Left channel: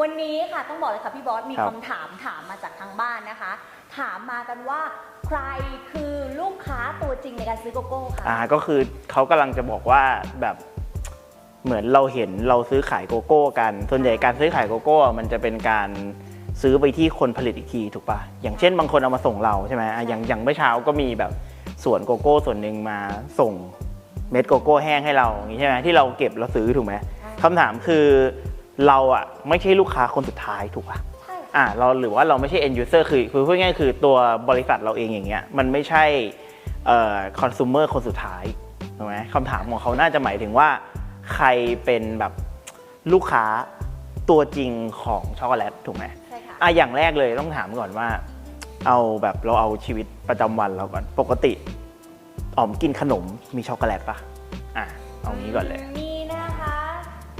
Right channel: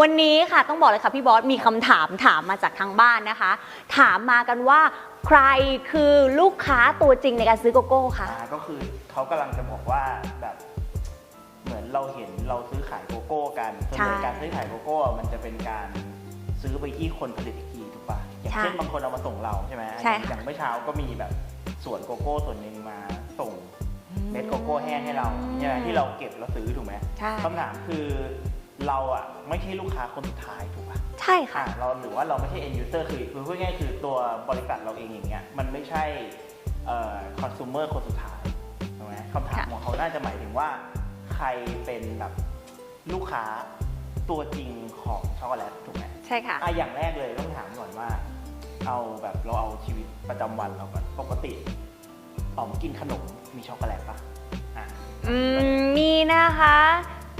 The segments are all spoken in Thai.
วันนี้ค่ะต้องบอกเลยค่ะพี่บอสมีครับคำถามถามมาจากทางบ้านนะคะ ถามมากันว่าใครคือลูกค้าตัวจริงในการซื้อโกโก้คะ อ่าก็คือเขากำลังจะบอกว่าแบบเหมือนเราเห็นเราซื้อขายโกโก้กัน ส่วนใหญ่การซื้อขายโกโก้อะมันจะเป็นการซื้อไปที่คนผลิตอีกทีถูกปะอย่างเช่นบางคนเอามาส่งเราใช่ไหมอะอย่างอย่างเมื่อเช้าก็มีแบบสวนโกโก้ส่วนหนึ่งมาส่งเม็ดโกโก้แห้งให้เราอย่างนี้ใช่ไหมที่เราเก็บแล้วซื้อถูกไหมใช่ คำถามคือ เราอะไม่ใช่ลูกค้าคนสุดท้ายถูกปะใช่ค่ะ อ่าเราหรือว่าเราไม่ใช่ end user คือคือพูดง่ายๆคือตัวบริษัทเราเองอย่างเงี้ยมันไม่ใช่เอ่อ consumer คนสุดท้ายถูกไหมคำถามของเขาน่าจะหมายถึงว่า ใครเป็นแบบลูกค้าตัวจริงของช็อกโกแลตถูกไหมใช่ค่ะ อะอย่างแรกเลยต้องถามก่อนว่า เอาแบบเราเอาชีวิตประจำวันเราก่อนปกติอ๋อมกินขนมมีช็อกโกแลตปะอะเอาอืงี้ก่อนเลยมมีนะคะ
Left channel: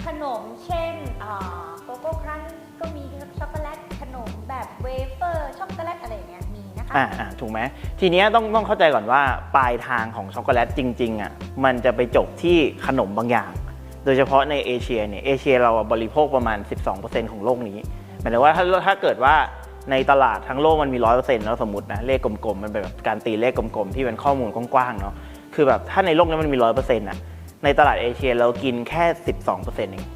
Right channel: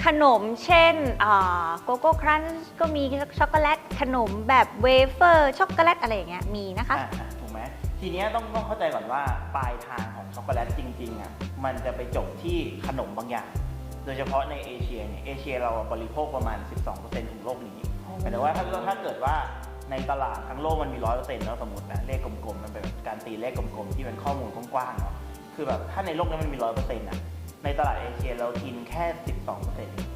ขนมเช่นโกโก้ครันช์ก็มีช็อกโกแลตขนมแบบเวเฟอร์ช็อกโกแลตอะไรอย่างเงี้ยมีนะคะอ่าถูกไหมทีเนี้ยต้องต้องเข้าใจก่อนว่าปลายทางของช็อกโกแลตจริงๆอะมันจะไปจบที่ขนมบางอย่าง โดยเฉพาะในเอเชียเนี่ยเอเชียเราบริโภคประมาณ 12%ของโลกนี้หมายถึงว่าถ้าถ้าเกิดว่าในตลาดทั้งโลกมันมี100%เนาะสมมตินะเลขกลมๆมันเป็นแบบการตีเลขกลมๆที่เป็นข้อมูลกว้างๆเนาะคือแบบถ้าในโลกนี้มันมี100%อะ ในตลาดเอเชียเรากินแค่ 12%เอง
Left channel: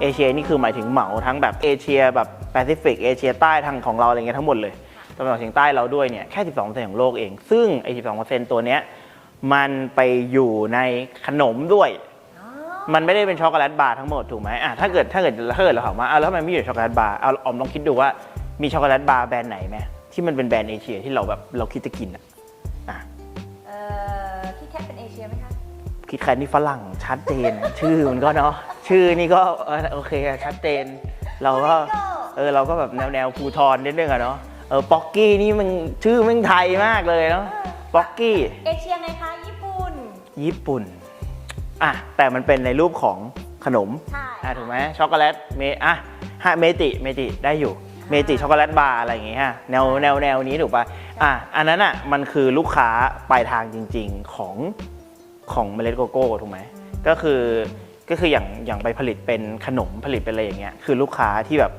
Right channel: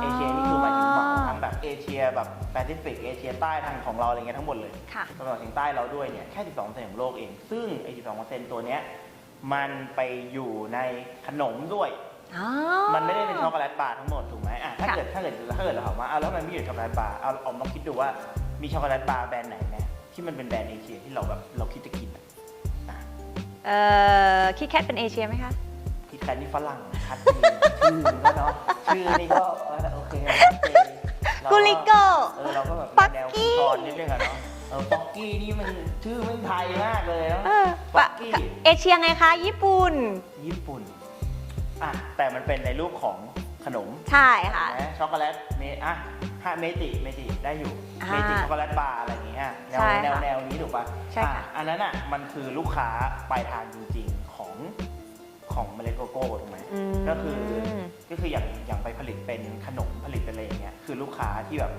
เอเชียนี่คือหมายถึงเหมาทั้งแบบเอเชียแบบแปซิฟิกเอเชียใต้ทางของเราอะไรเงี้ยทั้งหมดเลยค่ะตะวันออกเฉียงใต้เราด้วยเนี่ยแค่ 12%ของโลกเอง ซึ่งไอ้12%ตัวเนี้ยมันไปอยู่ในขนมด้วยอ๋อมันไม่ได้เป็นช็อกโกแลตบาร์ทั้งหมดถูกไหมอะถ้าเกิดถ้าเกิดถ้าเกิดเราถามว่าอ้าวแล้วทำไมไม่อยู่ช็อกโกแลตบาร์เอาออมลองคิดดูว่ามีช็อกโกแลตบาร์แบรนด์ไหนไหมที่มันเป็นแบรนด์เอเชียที่เราแบบเราคิดจะกินอะอะเอ่อคิดแคทเป็นเอเชียไหมคะ คิดแค่นี่ฝรั่งชัดเจน ชื่อมันก็เนาะชื่อนี่ก็เออโอเคชัดเจน เรากุก็ลิโกเออเราก็แบบป๊อกกี้แนวๆภูทรนิดนึงอะเนาะเออป๊อกกี้นี่มันชื่อแม่งไทยมากเลยเนาะเออป๊อกกี้เอเชียไงคะญี่ปุ่น ญี่ปุ่นอะแต่มันเป็นในรูปของขนมใช่อะค่ะถูกไหมช็อกโกแลตเมอะฮะเมจิเมจิได้อยู่อ่าเมจิช็อกโกแลตบาร์อะไรอย่างเงี้ยฮะแนวใช่ค่ะแนวแนวนี้ถูกปะใช่อะอันนั้นอะมันคือลูกค้าปลายทางจริง ๆของ ของเมล็ดโกโก้ถูกไหมมก็คืออมก็คืออย่างอย่างไปผลิตเป็นขนมผลิตเป็นอะไรอย่างเงี้ยคือลูกค้าที่แบบ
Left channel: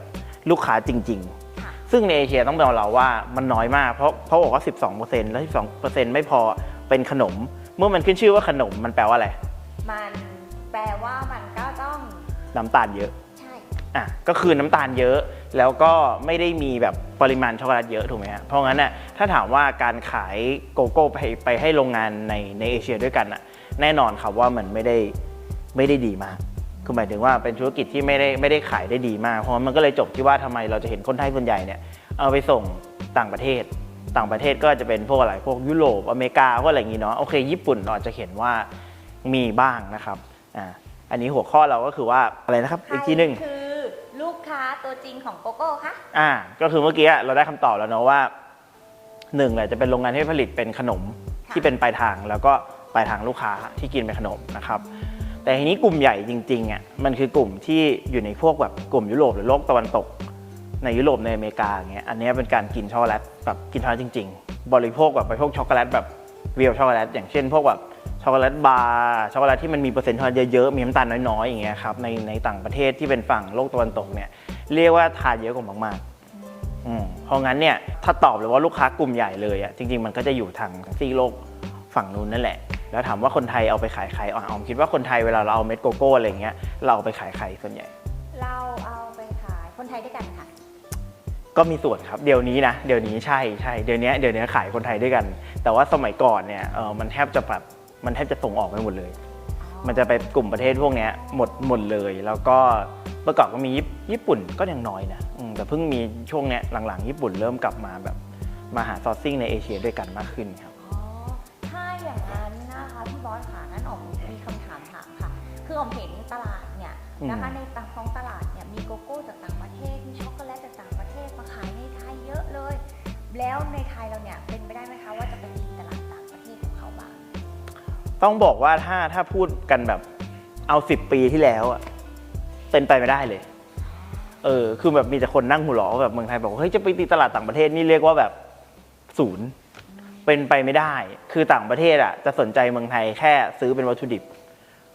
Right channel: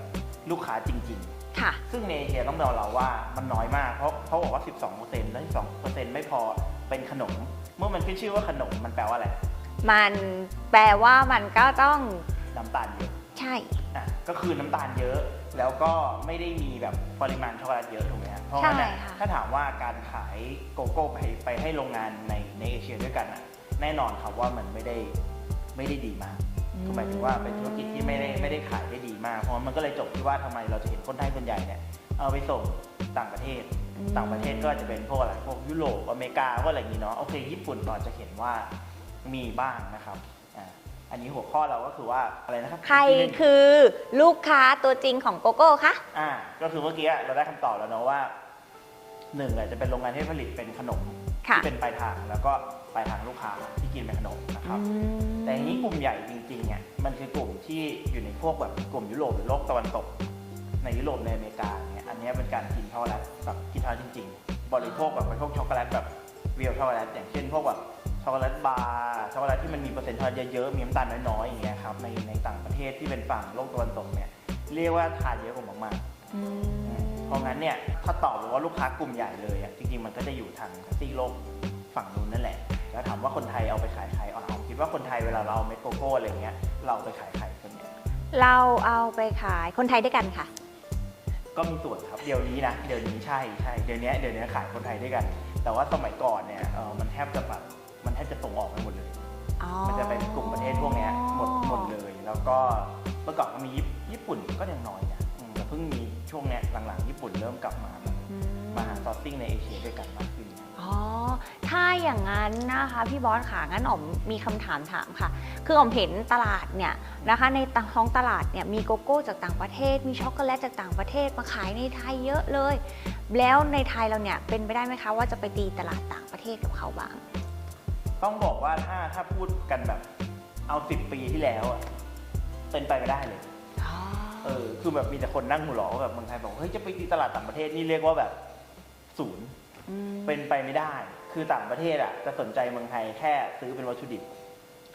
ลูกค้าจริงๆค่ะซึ่งในเอเชียต้องบอกเราว่ามันน้อยมากเพราะเพราะบอกว่า 12%แล้ว 12%ไม่พอเป็นขนม เมื่อมันขึ้นชื่อว่าขนมมันแปลว่าอะไร มันแปลว่ามันก็ต้องน้ำตาลเยอะ ใช่อะก็คือน้ำตาลเยอะแล้วก็ไม่ได้มีแบบปริมาณช็อกโกแลตเยอะถูกไหมฮะเพราะงั้นน่ะใช่ค่ะถ้าถามว่าการขายโกโก้ไปไปให้โรงงานในในเอเชียด้วยกันน่ะ แน่นอนครับว่ามันไม่ได้ไม่ได้ดีมากคือหมายถึงว่าเป็นธุรกิจที่ไม่ได้ไม่ได้ขายได้ดีมาก เพราะมันก็เลยจบที่ว่าทำไมเราจะเห็นคนไทยส่วนใหญ่เนี่ยเอาไปส่งต่างประเทศ ต่างประเทศก็จะเป็นพวกอะไรพวกยุโรปอเมริกาก็อะไรอย่างงี้เนาะโอเค ญี่ปุ่นเราอาจจะเห็นว่ามีบ้างนะครับอ่าอันนี้หัวข้อเราก็คือว่าอะไรนะครับใครอีกทีหนึ่งคือลูกค้าตัวจริงของโกโก้คะอ่าก็คือเมื่อกี้เราได้คำตอบแล้วเนาะว่าหนึ่งแหละจะเป็นโรงงานที่ผลิตเป็นขนมค่ะที่เป็นปลายทางแล้วก็ ปทางลูกค้าที่กินเป็นขนมนะครับ แต่ทีนี้กลุ่มใหญ่จริงๆอะมันคือกลุ่มที่อยู่ในพวกแบบกลุ่มยุโรปหรือโลกตะวันตก ในยุโรปในอเมริกาอย่างเงี้ยอันนี้เป็นการกินช็อกโกแลตแบบกินช็อกโกแลตจริง ๆ บริโภคแบบบริโภคช็อกโกแลตแบบเรียลช็อกโกแลตอย่างเช่น พวกแบบช็อกโกแลตบาร์ช็อกโกแลตที่มันมีเปอร์เซ็นต์ช็อกโกแลตเยอะๆมีน้ำตาลน้อยๆอย่างเงี้ยครับในในต่างประเทศที่เป็นฝั่งโลกตะวันตกเนี่ยเรียกว่าทานเยอะกว่ามากๆเพราะงั้นเนี่ยถ้าตอบเลยว่าลูกค้ากลุ่มใหญ่เลยอะจริง ๆ มันก็จะอยู่ทางซีโลกฝั่งนู้นนั่นแหละ แล้วถามว่าคนไทยเอาไปขายใครอ๋อออมคิดว่าคนไทยเวลาเราเอาเม็ดโกโก้อะไรเงี้ยเราเอาไปขายใครส่วนใหญ่ เราเอาไปขายคนไทยด้วยกันค่ะ ก็มีส่วนครับเดี๋ยวนี้นะเดี๋ยวนี้ใช่ใช่เดี๋ยวนี้เดี๋ยวนี้ขายคนไทยด้วยกัน แต่ว่าสมัยก่อนเนี่ยเออมันแทบจะแบบมันแทบจะส่งออกไปหมดเลย มันจะไปกลุ่มประเทศพวกเนี้ยหมดหมดเลย แล้วก็เมื่อก่อนก็มีญี่ญี่ปุ่นก็ยังน้อยนะอืมแต่เพิ่งมีช่วงเนี้ยหลังๆ ญี่ปุ่นเริ่มกลับมาแบบมาหาซอร์ซิ่งในเอเชียด้วยกันมากขึ้นครับอ๋อ ถ้าอย่างนั้นนะคะ พี่บอสค่ะ งั้นอ๋อมมีคำถามถามค่ะ คืออ๋อมเห็นตลาดเนี่ยนะคะ ในท้องตลาดเนี่ยมีโกโก้จากต่างประเทศ มีช็อกโกแลตจากต่างประเทศมาขายในไทยเยอะเลย แล้วในไทยเราเนี่ยเป็นไปได้ไหมคะว่าจะไปตีตลาดต่างประเทศกับเขาบ้าง ต้องบอกว่าถ้าถ้าพูดกันแบบเอาสิบปีที่แล้วอะเป็นไปไม่ได้เลย เออ คือแบบมีแต่คนนั่งหัวเราะว่าแบบเมืองไทยบอกว่าเฮ้ยจะไปตีตลาดต่างประเทศนี่เรียกว่าแบบศูนย์ เป็นไปไม่ได้ คือต่างประเทศอะจะสนใจเมืองไทยแค่ซื้อเป็นวัตถุดิบ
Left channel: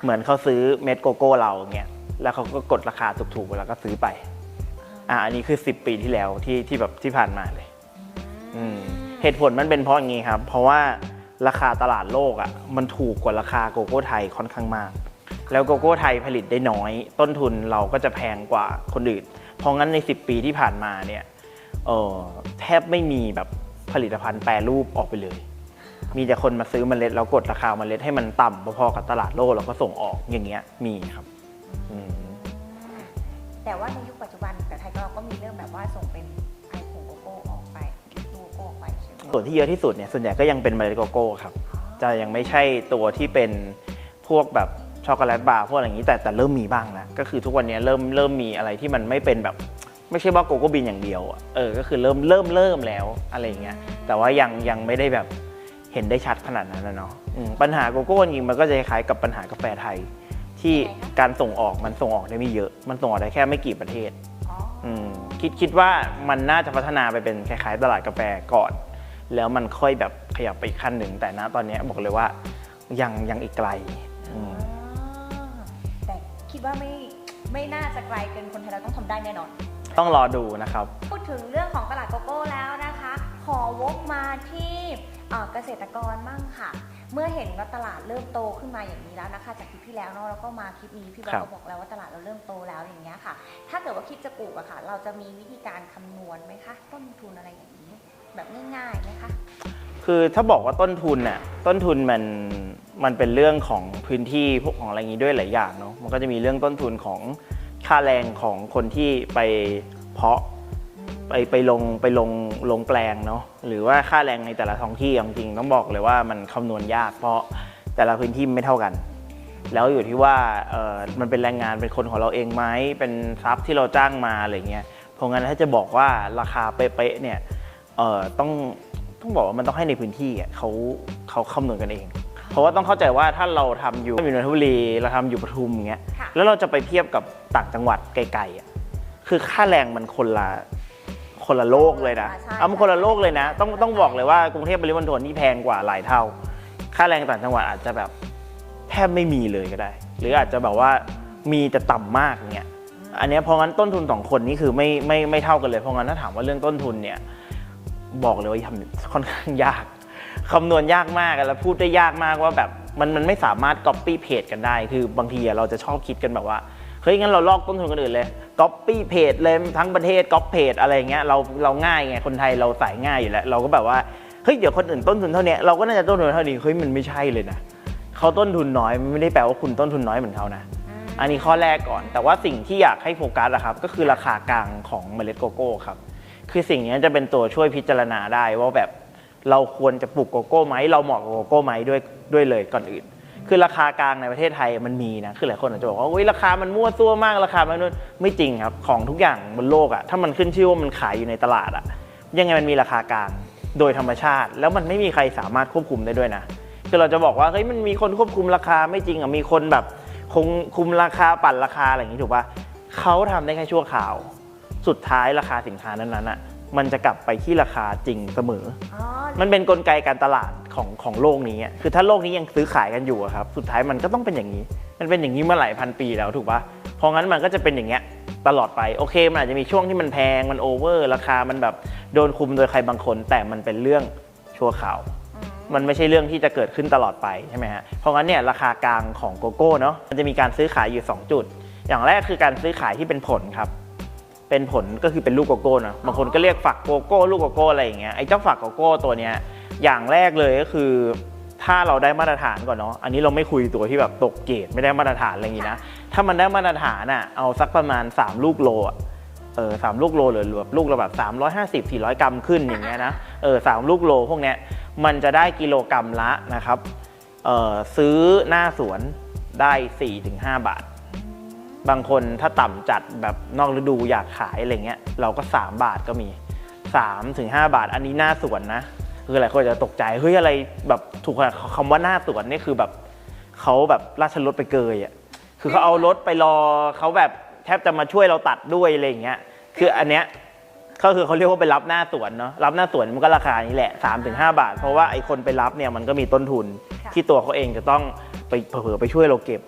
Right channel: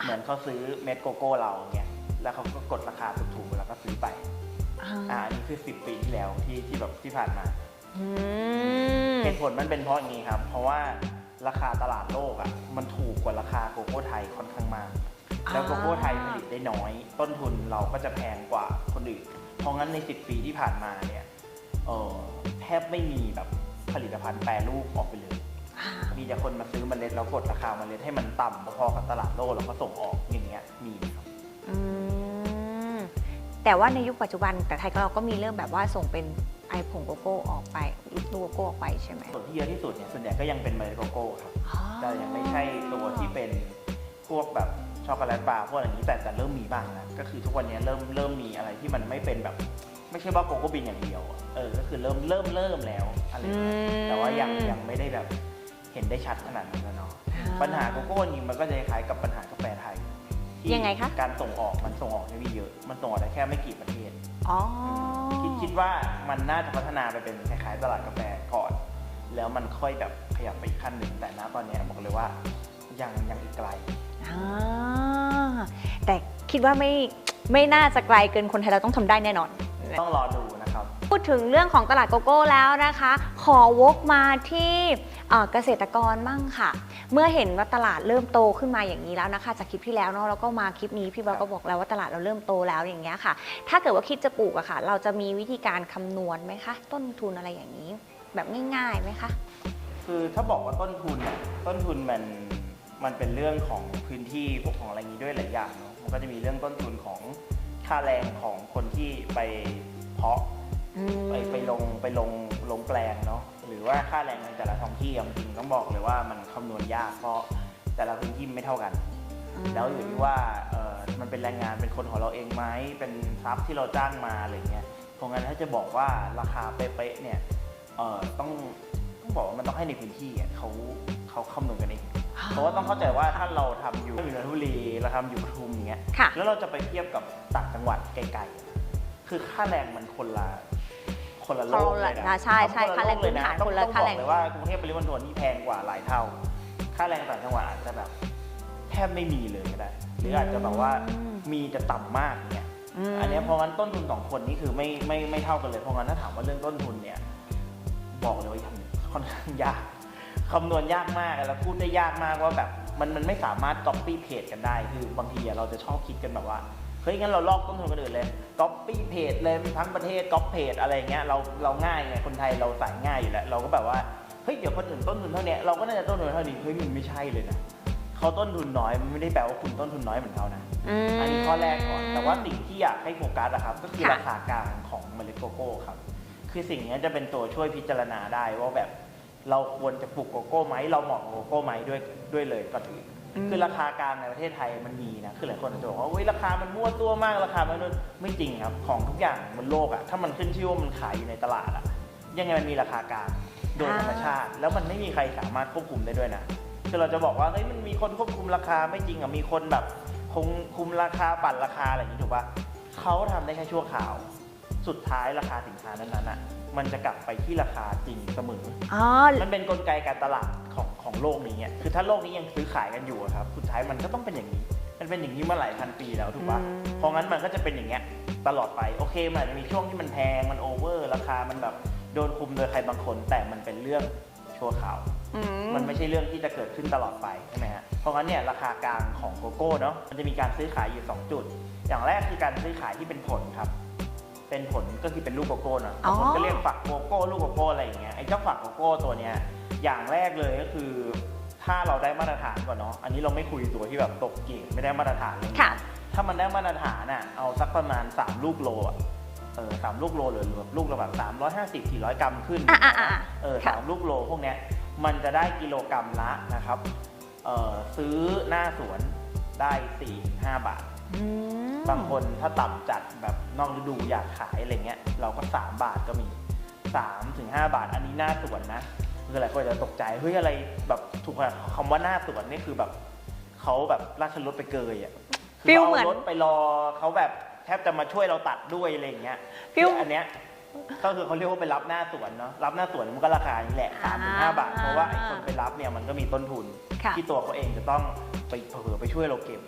เหมือนเขาซื้อเม็ดโกโก้เราเงี้ยแล้วเขาก็กดราคาถูกๆแล้วก็ซื้อไปอ่าอันนี้คือ 10 ปีที่แล้วที่ที่แบบที่ผ่านมาเลยอืมเหตุผลมันเป็นเพราะอย่างนี้ครับ เพราะว่าราคาตลาดโลกอะมันถูกกว่าราคาโกโก้ไทยค่อนข้างมาก แล้วโกโก้ไทยผลิตได้น้อย ต้นทุนเราก็จะแพงกว่าคนอื่น เพราะงั้นใน 10 ปีที่ผ่านมาเนี่ยเออแทบไม่มีแบบ ผลิตภัณฑ์แปรรูปออกไปเลย มีแต่คนมาซื้อเมล็ดแล้วกดราคาเมล็ดให้มันต่ำพอๆกับตลาดโลกแล้วก็ส่งออกอย่างเงี้ยมีครับอืมแต่ว่าในยุคปัจจุบันแต่ไทยก็เราก็มีเรื่องแบบว่าส่งเป็นไอผงโกโก้ออกไปอีกตัวโกโก้ออกไปใช่ไหมส่วนที่เยอะที่สุดเนี่ยส่วนใหญ่ก็ยังเป็นเมล็ดโกโก้ครับจะยังไม่ใช่ตัวที่เป็นพวกแบบช็อกโกแลตบาร์พวกอะไรอย่างนี้แต่แต่เริ่มมีบ้างนะก็คือทุกวันนี้เริ่มเริ่มมีอะไรที่มันไม่เป็นแบบ ไม่ใช่ว่าโกโก้บินอย่างเดียวอะเออ ก็คือเริ่มเริ่มเริ่มแล้วอะไรเงี้ย แต่ว่ายังยังไม่ได้แบบเห็นได้ชัดขนาดนั้นนะเนาะอืมปัญหาโกโก้จริงๆมันก็จะคล้ายกับปัญหากาแฟไทย ที่ยังไงคะ การส่งออกมันส่งออกได้ไม่เยอะ มันส่งออกได้แค่ไม่กี่ประเทศ อ๋ออมคิดคิดว่ามันน่าจะพัฒนาไปเป็นคล้ายๆตลาดกาแฟก่อน แล้วมันค่อยแบบขยับไปอีกขั้นหนึ่งแต่นะตอนนี้บอกเลยว่ายังยังอีกไกลอืมอ่าแต่คิดว่าไม่ไม่น่าจะไกลเกินคนไทยเราต้องทำได้แน่นอน ต้องรอดูนะครับ พูดถึงเรื่องของตลาดโกโก้แล้วนะคะ ขอวกมาที่เอ่อเกษตรกรมั่งค่ะ เมื่อเห็นว่าตลาดเริ่มโตขึ้นมาอย่างนี้แล้วนะคะ จากคลิปที่แล้วเนาะแล้วก็มาคลิปนี้พี่บอลครับก็บอกแล้วว่าตลาดเราเริ่มโตแล้วอย่างเงี้ยค่ะ ถ้าเกิดว่าคิดจะปลูกอะค่ะ เราจะมีวิธีการคำนวณไหมคะ ต้นทุนอะไรอย่างนี้ แบบง่ายๆไหมคะคือถ้าบอกว่าต้นทุนน่ะต้นทุนมันมันเป็นเรื่องของพื้นที่พวกของอะไรอย่างนี้ด้วยหลายอย่างเนาะมันก็จะมีเรื่องต้นทุนของ ค่าแรงของคนที่ไปเพาะไปไปลงไปลงลงแปลงเนาะหรือว่าค่าแรงในแต่ละท้องที่เอาจริงๆต้องบอกเลยว่ามันคำนวณยาก เพราะแต่ละพื้นที่ไม่เท่ากัน แล้วอยู่ที่ว่าเออมันเป็นแรงงานเป็นคนของเราเองไหมเป็นทรัพย์ที่เราจ้างมาอะไรเงี้ยเพราะงั้นถ้าจะบอกว่าราคาเป๊ะๆเนี่ยเออต้องต้องบอกว่ามันต้องให้ในพื้นที่อะเขาเขาคำนวณกันเอง เพราะว่าต้องเข้าใจว่าถ้าเราทำอยู่อยู่นนทบุรีเราทำอยู่ปทุมอย่างเงี้ยค่ะแล้วเราจะไปเทียบกับต่างจังหวัดไกลๆอะคือค่าแรงมันคนละคนละโลกเลยนะอ่าใช่เอามันคนละโลกเลยนะใช่ต้องคนละต้องบอกค่าแรงเลยว่ากรุงเทพปริมณฑลนี่แพงกว่าหลายเท่า ค่าแรงต่างจังหวัดอาจจะแบบแทบไม่มีเลยก็ได้ หรืออาจจะแบบว่ามีแต่ต่ำมากเนี่ยมอันเนี้ยเพราะงั้นต้นทุนสองคนนี่คือไม่ไม่ไม่เท่ากันเลย เพราะงั้นถ้าถามว่าเรื่องต้นทุนเนี่ย บอกเลยว่าทำค่อนข้างยาก คำนวณยากมากแล้วพูดได้ยากมากว่าแบบมันมันไม่สามารถ copy paste กันได้ คือบางทีอะเราจะชอบคิดกันแบบว่าเฮ้ยงั้นเราลอกต้นทุนคนอื่นเลย copy paste เลยทั้งประเทศ copy paste อะไรเงี้ยเราเราง่ายไงคนไทยเราใส่ง่ายอยู่แล้ว เราก็แบบว่าเฮ้ยเดี๋ยวคนอื่นต้นทุนเท่าเนี้ยเราก็น่าจะต้นทุนเท่านี้เฮ้ยมันไม่ใช่เลยนะเขาต้นทุนน้อยมันไม่ได้แปลว่าคุณต้นทุนน้อยเหมือนเขานะมอันนี้ข้อแรกก่อน แต่ว่าสิ่งที่อยากให้โฟกัสนะครับ ก็คือราคากลางของเมล็ดโกโก้ครับ คือสิ่งนี้จะเป็นตัวช่วยพิจารณาได้ว่าแบบ เราควรจะปลูกโกโก้ไหมเราเหมาะกับโกโก้ไหมด้วยด้วยเลยก่อนอื่น คือราคากลางในประเทศไทยมันมีนะคือหลายคนอาจจะบอกว่าอุ้ยราคามันมั่วตัวมากราคามันนู่นไม่จริงครับของทุกอย่างบนโลกอะถ้ามันขึ้นชื่อว่ามันขายอยู่ในตลาดอะยังไงมันมีราคากลางโดยธรรมชาติ แล้วมันไม่มีใครสามารถควบคุมได้ด้วยนะคือเราจะบอกว่าเฮ้ยมันมีคนควบคุมราคาไม่จริงอะมีคนแบบคงคุมราคาปั่นราคาอะไรอย่างนี้ถูกปะเขาทำได้แค่ชั่วคราว สุดท้ายราคาสินค้านั้นๆอะ มันจะกลับไปที่ราคาจริงเสมอ อ๋อ มันเป็นนกลไกการตลาดของของโลกนี้อะคือถ้าโลกนี้ยังซื้อขายกันอยู่อะครับ สุดท้ายมันก็ต้องเป็นอย่างนี้ มันเป็นอย่างนี้มาหลายพันปีแล้วถูกปะเพราะงั้นมันก็จะเป็นอย่างเงี้ยตลอดไป โอเค มันอาจจะมีช่วงที่มันแพง มันโอเวอร์ ราคา มันแบบโดนคุมโดยใครบางคน แต่มันเป็นเรื่องชั่วคราว อืมันไม่ใช่เรื่องที่จะเกิดขึ้นตลอดไปใช่ไหมฮะ เพราะงั้นเนี่ยราคากลางของโกโก้เนาะ มันจะมีการซื้อขายอยู่ 2 จุด อย่างแรกคือการซื้อขายที่เป็นผลครับ เป็นผลก็คือเป็นลูกโกโก้เนาะบางคนก็เรียกฝักโกโก้ลูกโกโก้อะไรอย่างเงี้ยไอ้เจ้าฝักโกโก้ตัวเนี้ยอย่างแรกเลยก็คือ ถ้าเราได้มาตรฐานก่อนเนาะอันนี้เราไม่คุยตัวที่แบบตกเกรดไม่ได้มาตรฐานอะไรอย่างงี้นะถ้ามันได้มาตรฐานอะเอาสักประมาณ 3 ลูกโลอะเออสามลูกโลหรือแบบลูกละแบบ350 400กรัมขึ้นอย่างเงี้ยนะเออสามลูกโลพวกเนี้ยมันจะได้กิโลกรัมละนะครับเออซื้อหน้าสวนได้4-5บาทอืม บางคนถ้าต่ำจัดแบบนอกฤดูอยากขายอะไรเงี้ยเราก็ 3 บาทก็มี 3-5 บาท อันนี้หน้าสวนนะ คือหลายคนจะตกใจเฮ้ยอะไรแบบถูกขนาดคำว่าหน้าสวนนี่คือแบบเขาแบบราชรถไปเกยอะคือเขาเอารถไปรอเขาแบบแทบจะมาช่วยเราตัดด้วยอะไรอย่างเงี้ยคืออันเนี้ยก็คือเขาเรียกว่าไปรับหน้าสวนเนาะรับหน้าสวนมันก็ราคานี้แหละ3าถึงหบาท เพราะว่าไอ้คนไปรับเนี่ยมันก็มีต้นทุนค่ะที่ตัวเขาเองจะต้องไปเผลอๆไปช่วยเราเก็บ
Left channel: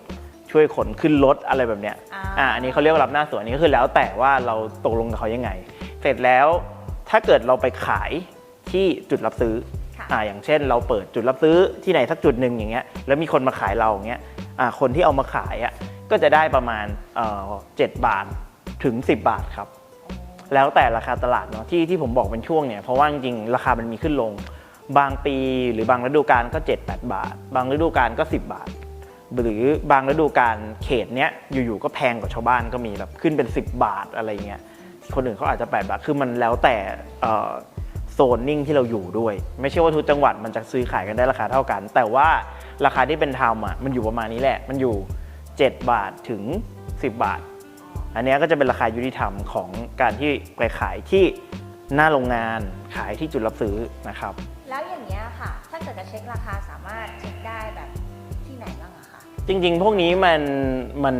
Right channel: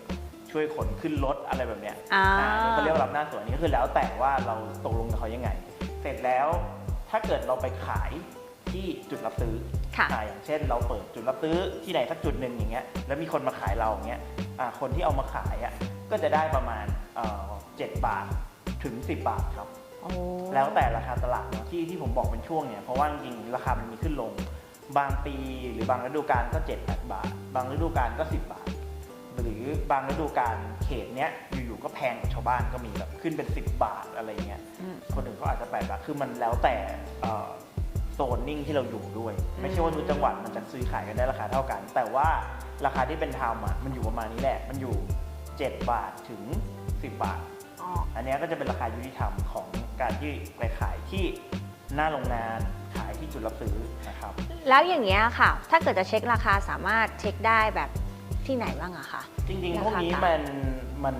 ช่วยขนขึ้นรถอะไรแบบเนี้ยอ่า อ่าอันนี้เขาเรียกว่ารับหน้าสวนอันนี้ก็คือแล้วแต่ว่าเราตกลงกับเขายังไง เสร็จแล้วถ้าเกิดเราไปขายที่จุดรับซื้อ ค่ะ อ่าอย่างเช่นเราเปิดจุดรับซื้อที่ไหนสักจุดหนึ่งอย่างเงี้ยแล้วมีคนมาขายเราอย่างเงี้ยอ่าคนที่เอามาขายอะก็จะได้ประมาณเอ่อ7บาทถึง 10 บาทครับ โอ้ แล้วแต่ราคาตลาดเนาะที่ที่ผมบอกเป็นช่วงเนี่ยเพราะว่าจริงๆราคามันมีขึ้นลง บางปีหรือบางฤดูกาลก็ 7-8 บาท บางฤดูกาลก็ 10 บาท หรือบางฤดูกาลเขตเนี้ยอยู่ๆก็แพงกว่าชาวบ้านก็มีแบบขึ้นเป็น 10 บาทอะไรเงี้ยคนอื่นเขาอาจจะ8บาทคือมันแล้วแต่โซนนิ่งที่เราอยู่ด้วย ไม่ใช่ว่าทุกจังหวัดมันจะซื้อขายกันได้ราคาเท่ากัน แต่ว่าราคาที่เป็นธรรมอะมันอยู่ประมาณนี้แหละ มันอยู่ 7 บาทถึง 10 บาท อันเนี้ยก็จะเป็นราคายุติธรรมของการที่ไปขายที่หน้าโรงงานขายที่จุดรับซื้อนะครับ แล้วอย่างเงี้ยค่ะ ถ้าเกิดจะเช็คราคาสามารถเช็คได้แบบ ที่ไหนบ้างอะคะจริง ๆ พวกนี้มันมัน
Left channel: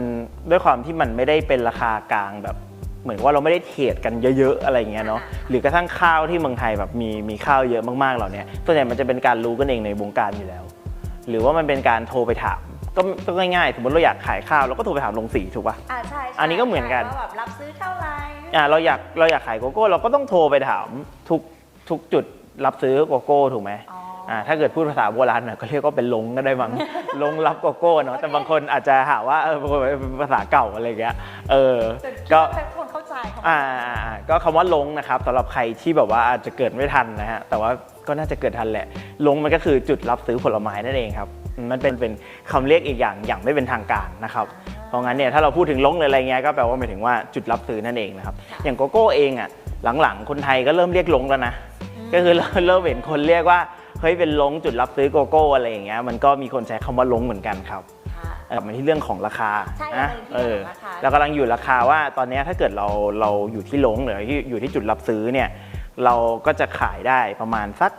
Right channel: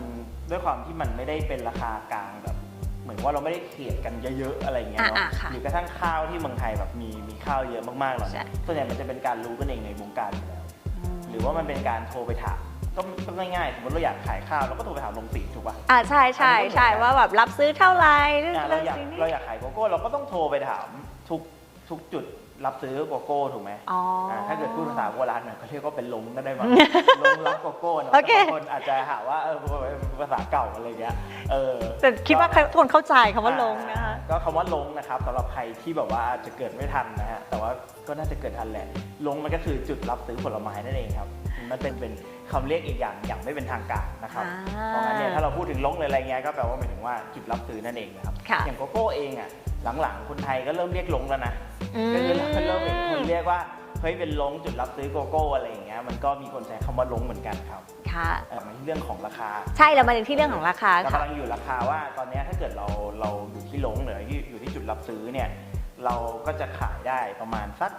ด้วยความที่มันไม่ได้เป็นราคากลางแบบ เหมือนว่าเราไม่ได้เทรดกันเยอะ ๆ อะไรเงี้ยเนาะอ่าๆค่ะหรือกระทั่งข้าวที่เมืองไทยแบบมีมีข้าวเยอะมากๆเหล่าเนี้ยส่วนใหญ่มันจะเป็นการรู้กันเองในวงการอยู่แล้ว หรือว่ามันเป็นการโทรไปถามก็ก็ง่ายๆ สมมติเราอยากขายข้าวเราก็โทรไปถามโรงสีถูกปะอ่าใช่อัใช่นนี้ก็เหมือนใช่กันว่าแบบรับซื้อเท่าไหร่อ่าเราอยากเราอยากขายโกโก้เราก็ต้องโทรไปถามทุกทุกจุด รับซื้อโกโก้ถูกไหมอ๋อออ่าถ้าเกิดพูดภาษาโบราณหน่อยก็เรียกว่าเป็นลงก็ได้บ้าง ลงรับโกโก้เนาะโอเค แต่บางคนอาจจะหาว่าเออเป็นภาษาเก่าอะไรเงี้ยเออ แต่คิดว่าก็คนเข้าใจคำว่าอ่าลงนะคะก็คำว่าลงนะครับสำหรับใครที่แบบว่าอาจจะเกิดไม่ทันนะฮะแต่ว่าก็น่าจะเกิดทันแหละ ลงมันก็คือจุดรับซื้อผลไม้นั่นเองครับมันเป็นเป็นคำเรียกอีกอย่างอย่างไม่เป็นทางการนะครับอ่าเพราะงั้นเนี่ยถ้าเราพูดถึงลงหรืออะไรเงี้ยก็แปลว่าหมายถึงว่าจุดรับซื้อนั่นเองนะครับค่ะ อย่างโกโก้เองอะหลังๆคนไทยก็เริ่มเรียกลงแล้วนะม ก็คือเริ่มเริ่มเห็นคนเรียกว่าเฮ้ยเป็นลงจุดรับซื้อโกโก้อะไรอย่างเงี้ยมันก็มีคนใช้คำว่าลงเหมือนกันครับค่ะกลับมาที่เรื่องของราคา ใช่เรามาถึงที่เรื่องของราคาเรากำลังอยู่ราคาว่าตอนเนี้ยถ้าเกิดเราเราอยู่ที่ลงหรือที่อยู่ที่จุดรับซื้อเนี่ยเราก็จะขายได้ประมาณสัก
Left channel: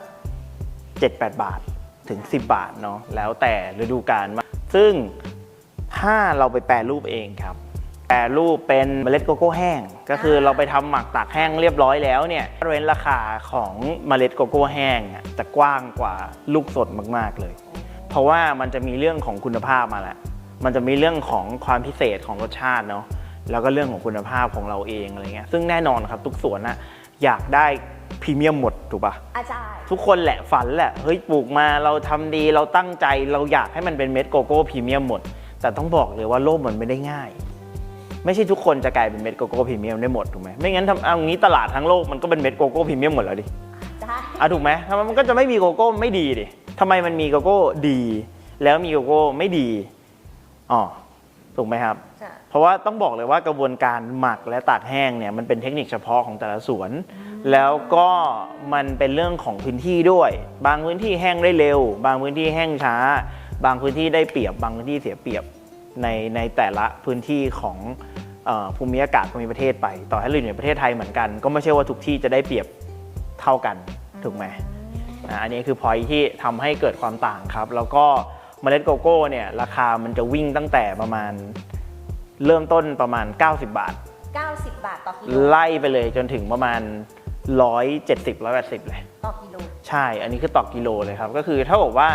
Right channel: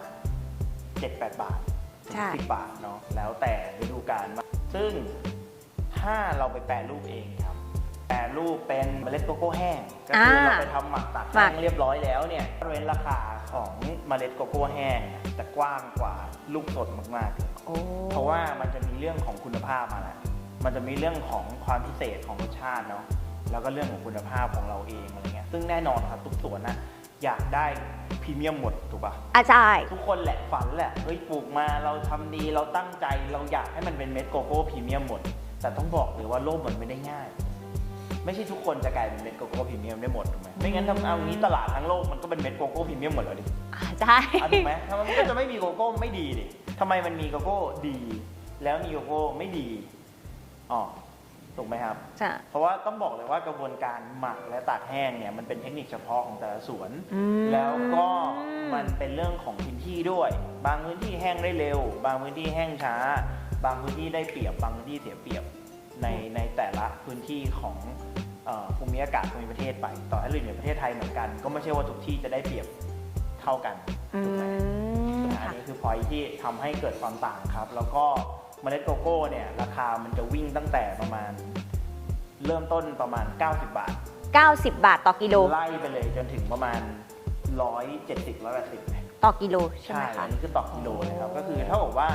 7-8 บาทถึงค่ะ10 บาทเนาะแล้วแต่ฤดูกาลมาซึ่งถ้าเราไปแปรรูปเองครับ แปรรูปเป็นเมล็ดโกโก้แห้ง ก็คืออาเราไปทำหมักตากแห้งเรียบร้อยแล้วเนี่ยเรนราคาของเมล็ดโกโก้แห้งอะจะกว้างกว่าลูกสดมาก ๆเลยโอ้เพราะว่ามันจะมีเรื่องของคุณภาพมาแหละมันจะมีเรื่องของความพิเศษของรสชาติเนาะแล้วก็เรื่องของคุณภาพของเราเองอะไรเงี้ยซึ่งแน่นอนครับทุกสวนน่ะอยากได้พรีเมียมหมดถูกปะอาจารย์ทุกคนแหละฝันแหละเฮ้ยปลูกมาเราทำดีเราตั้งใจเราอยากให้มันเป็นเม็ดโกโก้พรีเมียมหมด แต่ต้องบอกเลยว่าโลกมันไม่ได้ง่าย ไม่ใช่ทุกคนจะกลายเป็นเม็ดโกโก้พรีเมียมได้หมดถูกไหมไม่งั้นทำเอางี้ตลาดทั้งโลกมันก็เป็นเม็ดโกโก้พรีเมียมหมดแล้วดิอาจารย์อะถูกไหมทำไมมันก็จะไม่มีโกโก้ไม่ดีดิทำไมมันมีโกโก้ดี แล้วมีโกโก้ไม่ดีอ๋อถูกไหมครับจ้ะเพราะว่าต้องบอกเลยว่ากระบวนการหมักและตากแห้งเนี่ยมันเป็นเทคนิคเฉพาะของแต่ละสวนอืมแล้วก็มันเป็นเรื่องของพื้นที่ด้วย บางพื้นที่แห้งได้เร็ว บางพื้นที่แห้งช้า บางพื้นที่ได้เปรียบ บางพื้นที่เสียเปรียบ ในในแต่ละพื้นที่ของเออภูมิอากาศภูมิประเทศไป ต่อให้เราอยู่ในประเทศไทยเหมือนกัน ก็ไม่ใช่ว่าทุกที่จะได้เปรียบเท่ากันถูกไหมอะอันนี้คือพอยที่ทำให้เกิดความต่างครับ แล้วก็เมล็ดโกโก้เนี่ยราคามันจะวิ่งตั้งแต่ประมาณเริ่มต้นประมาณ 90 บาท 90 บาทต่อกิโลไล่ไปเลยจนถึงประมาณ 170 180เลย ต่อกิโลใช่ไหมคะอันนี้คือต่อกิโลเลยครับ ก็คือเท่ากับว่า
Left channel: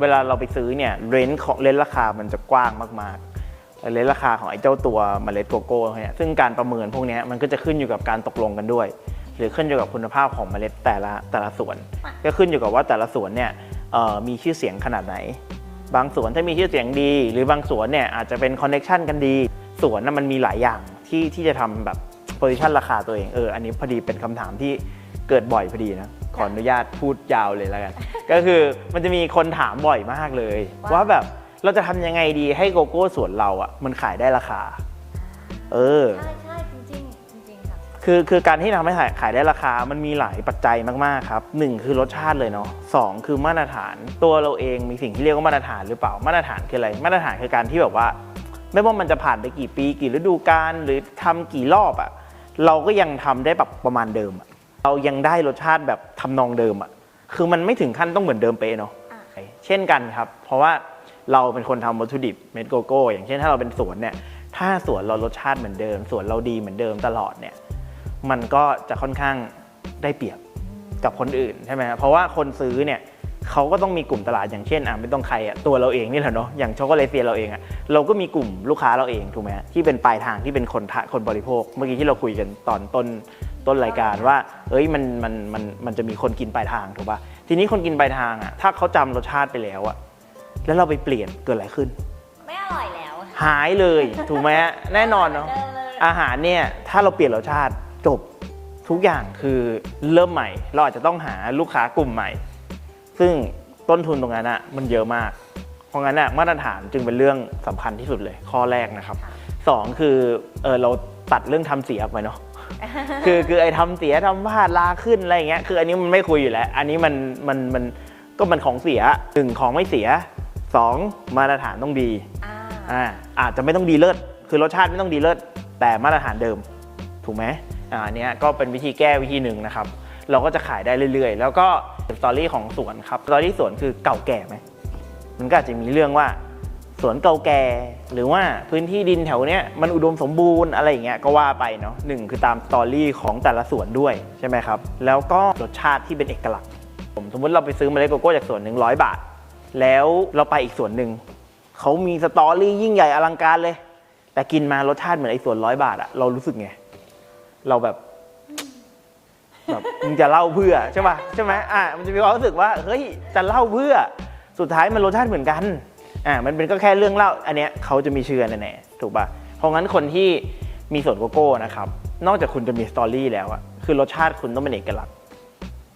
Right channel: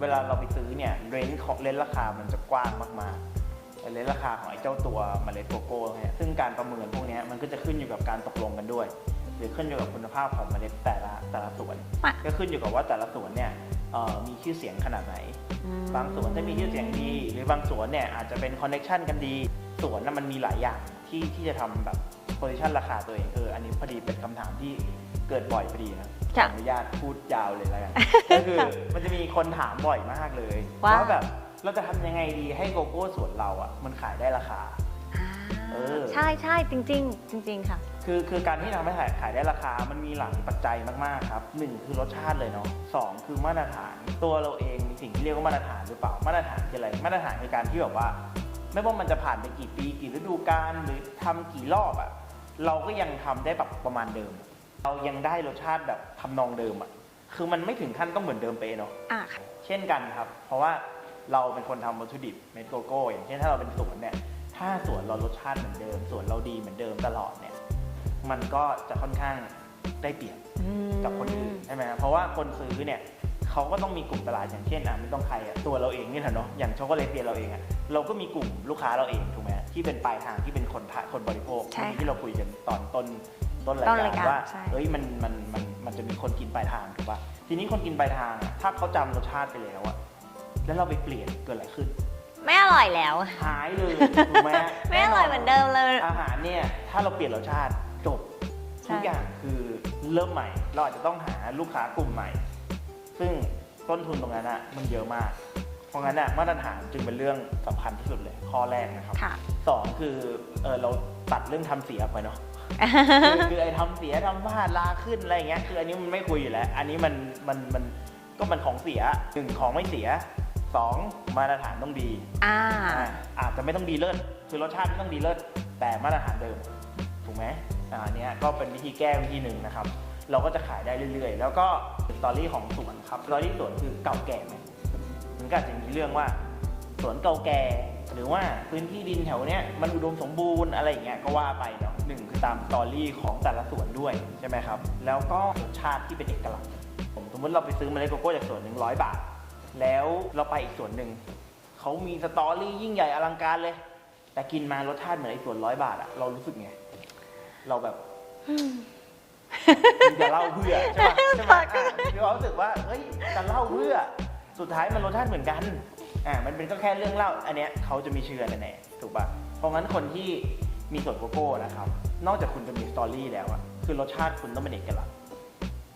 เวลาเราไปซื้อเนี่ยเรนของเรนราคามันจะกว้างมากๆเรนราคาของไอ้เจ้าตัวเมล็ดโกโก้เนี่ยซึ่งการประเมินพวกเนี้ยมันก็จะขึ้นอยู่กับการตกลงกันด้วย หรือขึ้นอยู่กับคุณภาพของเมล็ดแต่ละแต่ละสวน ก็ขึ้นอยู่กับว่าแต่ละสวนเนี่ยเอ่อมีชื่อเสียงขนาดไหน บางสวนถ้ามีชื่อเสียงดี หรือบางสวนเนี่ยอาจจะเป็นคอนเน็ชันกันดีสวนน่ะมันมีหลายอย่างที่ที่จะทำแบบโพซิชันราคาตัวเองเอออันนี้พอดีเป็นคำถามที่ เกิดบ่อยพอดีนะขออนุญาตพูดยาวเลยแล้วกัน ก็คือมันจะมีคนถามบ่อยมากเลย ว่าว่าแบบเราจะทำยังไงดีให้โกโก้สวนเราอะมันขายได้ราคา เออ ใช่ใช่จริงๆจริงๆค่ะ คือคือการที่ทำให้ขายขายได้ราคา มันมีหลายปัจจัยมากๆครับหนึ่งคือรสชาติเลยเนาะสองคือมาตรฐาน ตัวเราเองมีสิ่งที่เรียกว่ามาตรฐานหรือเปล่า มาตรฐานคืออะไร มาตรฐานคือการที่แบบว่า ไม่ว่ามันจะผ่านไปกี่ปี กี่ฤดูกาลหรือทำกี่รอบอะเราก็ยังทำได้แบบประมาณเดิมอะ เรายังได้รสชาติแบบทำนองเดิมอะคือมันไม่ถึงขั้นต้องเหมือนเดิมเป๊ะเนาะอะเช่นกันครับ เพราะว่าเราเป็นคนทำวัตถุดิบเม็ดโกโก้ อย่างเช่นถ้าเราเป็นสวนเนี่ยถ้าสวนเรารสชาติเหมือนเดิมสวนเราดีเหมือนเดิมตลอดเนี่ยมันก็จะค่อนข้างได้เปรียบกับคนอื่นใช่ไหมครับเพราะว่าคนซื้อเนี่ยเขาก็ต้องมีกลุ่มตลาดอย่างเช่นอะไม่ต้องใครอะตัวเราเองนี่แหละเนาะอย่างช็อกโกแลตเฟียเราเองอะเราก็มีกลุ่มลูกค้าเราเองถูกไหมฮะที่เป็นปลายทางที่เป็นคนทะคนบริโภคใช่เมื่อกี้ที่เราคุยกันตอนต้น ต้นรายการต้นรายการว่า ใช่ เอ้ยมันมันมันมันจะมีคนกินปลายทางถูกป่ะทีนี้คนกินปลายทางอะถ้าเขาจำรสชาติไปแล้วอะแล้วเราไปเปลี่ยนเกิดอะไรขึ้น ไม่อร่อยแล้วหายเลยถูกไหมฮะแน่นอนไม่ร่ยเหมือนเนเดิอะมเลย อาหารเนี่ยถ้าเราเปลี่ยนรสชาติจบทุกอย่างคือเริ่มใหม่ เราอาจจะต้องหาลูกค้ากลุ่มใหม่ ซึ่งต้นทุนตรงนั้นอะมันเยอะมาก เพราะงั้นอะมาตรฐานจึงเป็นเรื่องสำคัญที่สุดเลยข้อแรกนะครับ ค่ะ สองคือเออเราตัดเรื่องทำเสียออกไปเนาะ คือคือไอ้ทำเสียทำพลาดลาขึ้นอะไรอย่างเงี้ยคืออันนี้มันไม่คุยอยู่แล้ว อันนี้มันมันมันก็มันของเสียหนึ่งของไม่เสียสองมาตรฐานต้องดีอ่าอ่าอาจจะไม่ต้องดีเลิศคือรสชาติไม่ต้องดีเลิศแต่มาตรฐานเดิม ถูกไหมอ่าอันเนี้ยก็เป็นวิธีแก้วิธีหนึ่งนะครับ เราก็จะขายได้เรื่อยๆ แล้วก็สตอรี่ของสวนครับสตอรี่สวนคือเก่าแก่ไหมมันก็อาจจะมีเรื่องว่า สวนเก่าแก่ หรือว่าพื้นที่ดินแถวเนี้ยมันอุดมสมบูรณ์อะไรอย่างเงี้ยก็ว่าไปเนาะหนึ่งคือตามสตอรี่ของแต่ละสวนด้วยใช่ไหมครับ แล้วก็รสชาติที่เป็นเอกลักษณ์ผมสมมติเราไปซื้อเมล็ดโกโก้จากสวนหนึ่งร้อยบาท แล้วเราไปอีกสวนหนึ่งเขามีสตอรี่ยิ่งใหญ่อลังการเลย แต่กินมารสชาติเหมือนไอ้สวนร้อยบาทอะเรารู้สึกไงเราแบบแบบมึงจะเล่าเพื่อใช่ปะใช่ไหมอะมันจะมีความรู้สึกว่าเฮ้ยจะเล่าเพื่อสุดท้ายมันรสชาติเหมือนกัน อะมันเป็นก็แค่เรื่องเล่าอันเนี้ยเขาจะมีเชื่อแน่ๆถูกปะเพราะงั้นคนที่มีสวนโกโก้นะครับนอกจากคุณจะมีสตอรี่แล้วอะคือรสชาติคุณต้องเป็นเอกลักษณ์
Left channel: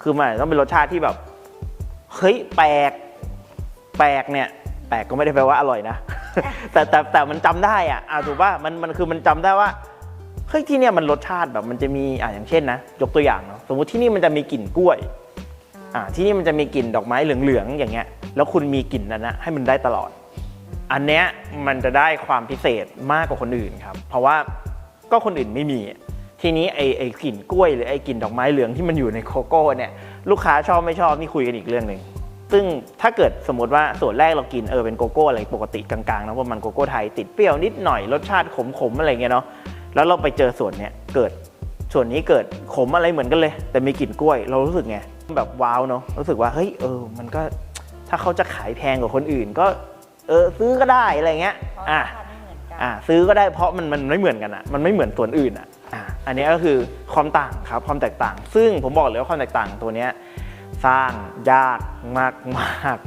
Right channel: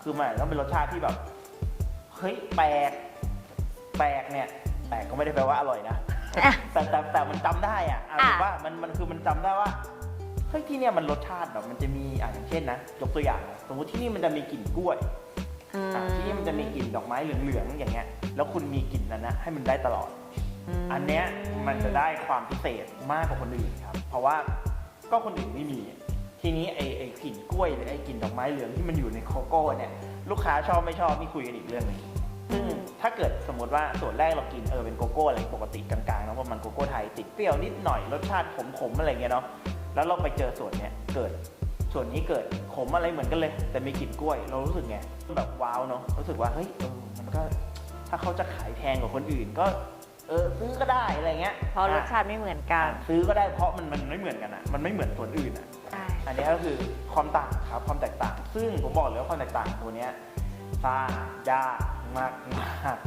คือมันอาจจะต้องเป็นรสชาติที่แบบเฮ้ยแปลกแปลกเนี่ยแปลกก็ไม่ได้แปลว่าอร่อยนะ แต่แต่แต่มันจำได้อะอะอะถูกป่ะมันมันคือมันจำได้ว่าเฮ้ยที่เนี่ยมันรสชาติแบบมันจะมีอะอย่างเช่นนะยกตัวอย่างเนอะสมมติที่นี่มันจะมีกลิ่นกล้วยมอะที่นี่มันจะมีกลิ่นดอกไม้เหลืองๆอย่างเงี้ย แล้วคุณมีกลิ่นนั้นนะให้มันได้ตลอดม อันเนี้ยมันจะได้ความพิเศษมากกว่าคนอื่นครับ เพราะว่าก็คนอื่นไม่มี ทีนี้ไอ้ไอ้กลิ่นกล้วยหรือไอ้กลิ่นดอกไม้เหลืองที่มันอยู่ในโกโก้เนี่ยลูกค้าชอบไม่ชอบนี่คุยกันอีกเรื่องหนึ่งซึ่งถ้าเกิดสมมติว่าส่วนแรกเรากินเออเป็นโกโก้อะไรปกติกลางๆนะว่ามันโกโก้ไทยติดเปรี้ยวนิดหน่อยรสชาติขมๆอะไรเงี้ยเนาะแล้วเราไปเจอส่วนเนี้ยเกิดส่วนนี้เกิดขมอะไรเหมือนกันเลย แต่มีกลิ่นกล้วย เรารู้สึกไงแบบว้าวเนาะรู้สึกว่าเฮ้ยเออมันก็ถ้าเขาจะขายแพงกว่าคนอื่นก็ เออซื้อก็ได้อะไรเงี้ยเพราะรอะสชาติไม่เหมือนกันอะซื้อก็ได้เพราะมันมันไม่เหมือนกันอะมันไม่เหมือนส่วนอื่นอะอะอันนี้ก็คือความต่างครับความแตกต่าง ซึ่งผมบอกเลยว่าความแตกต่างตัวเนี้ยสร้างยากมากมาก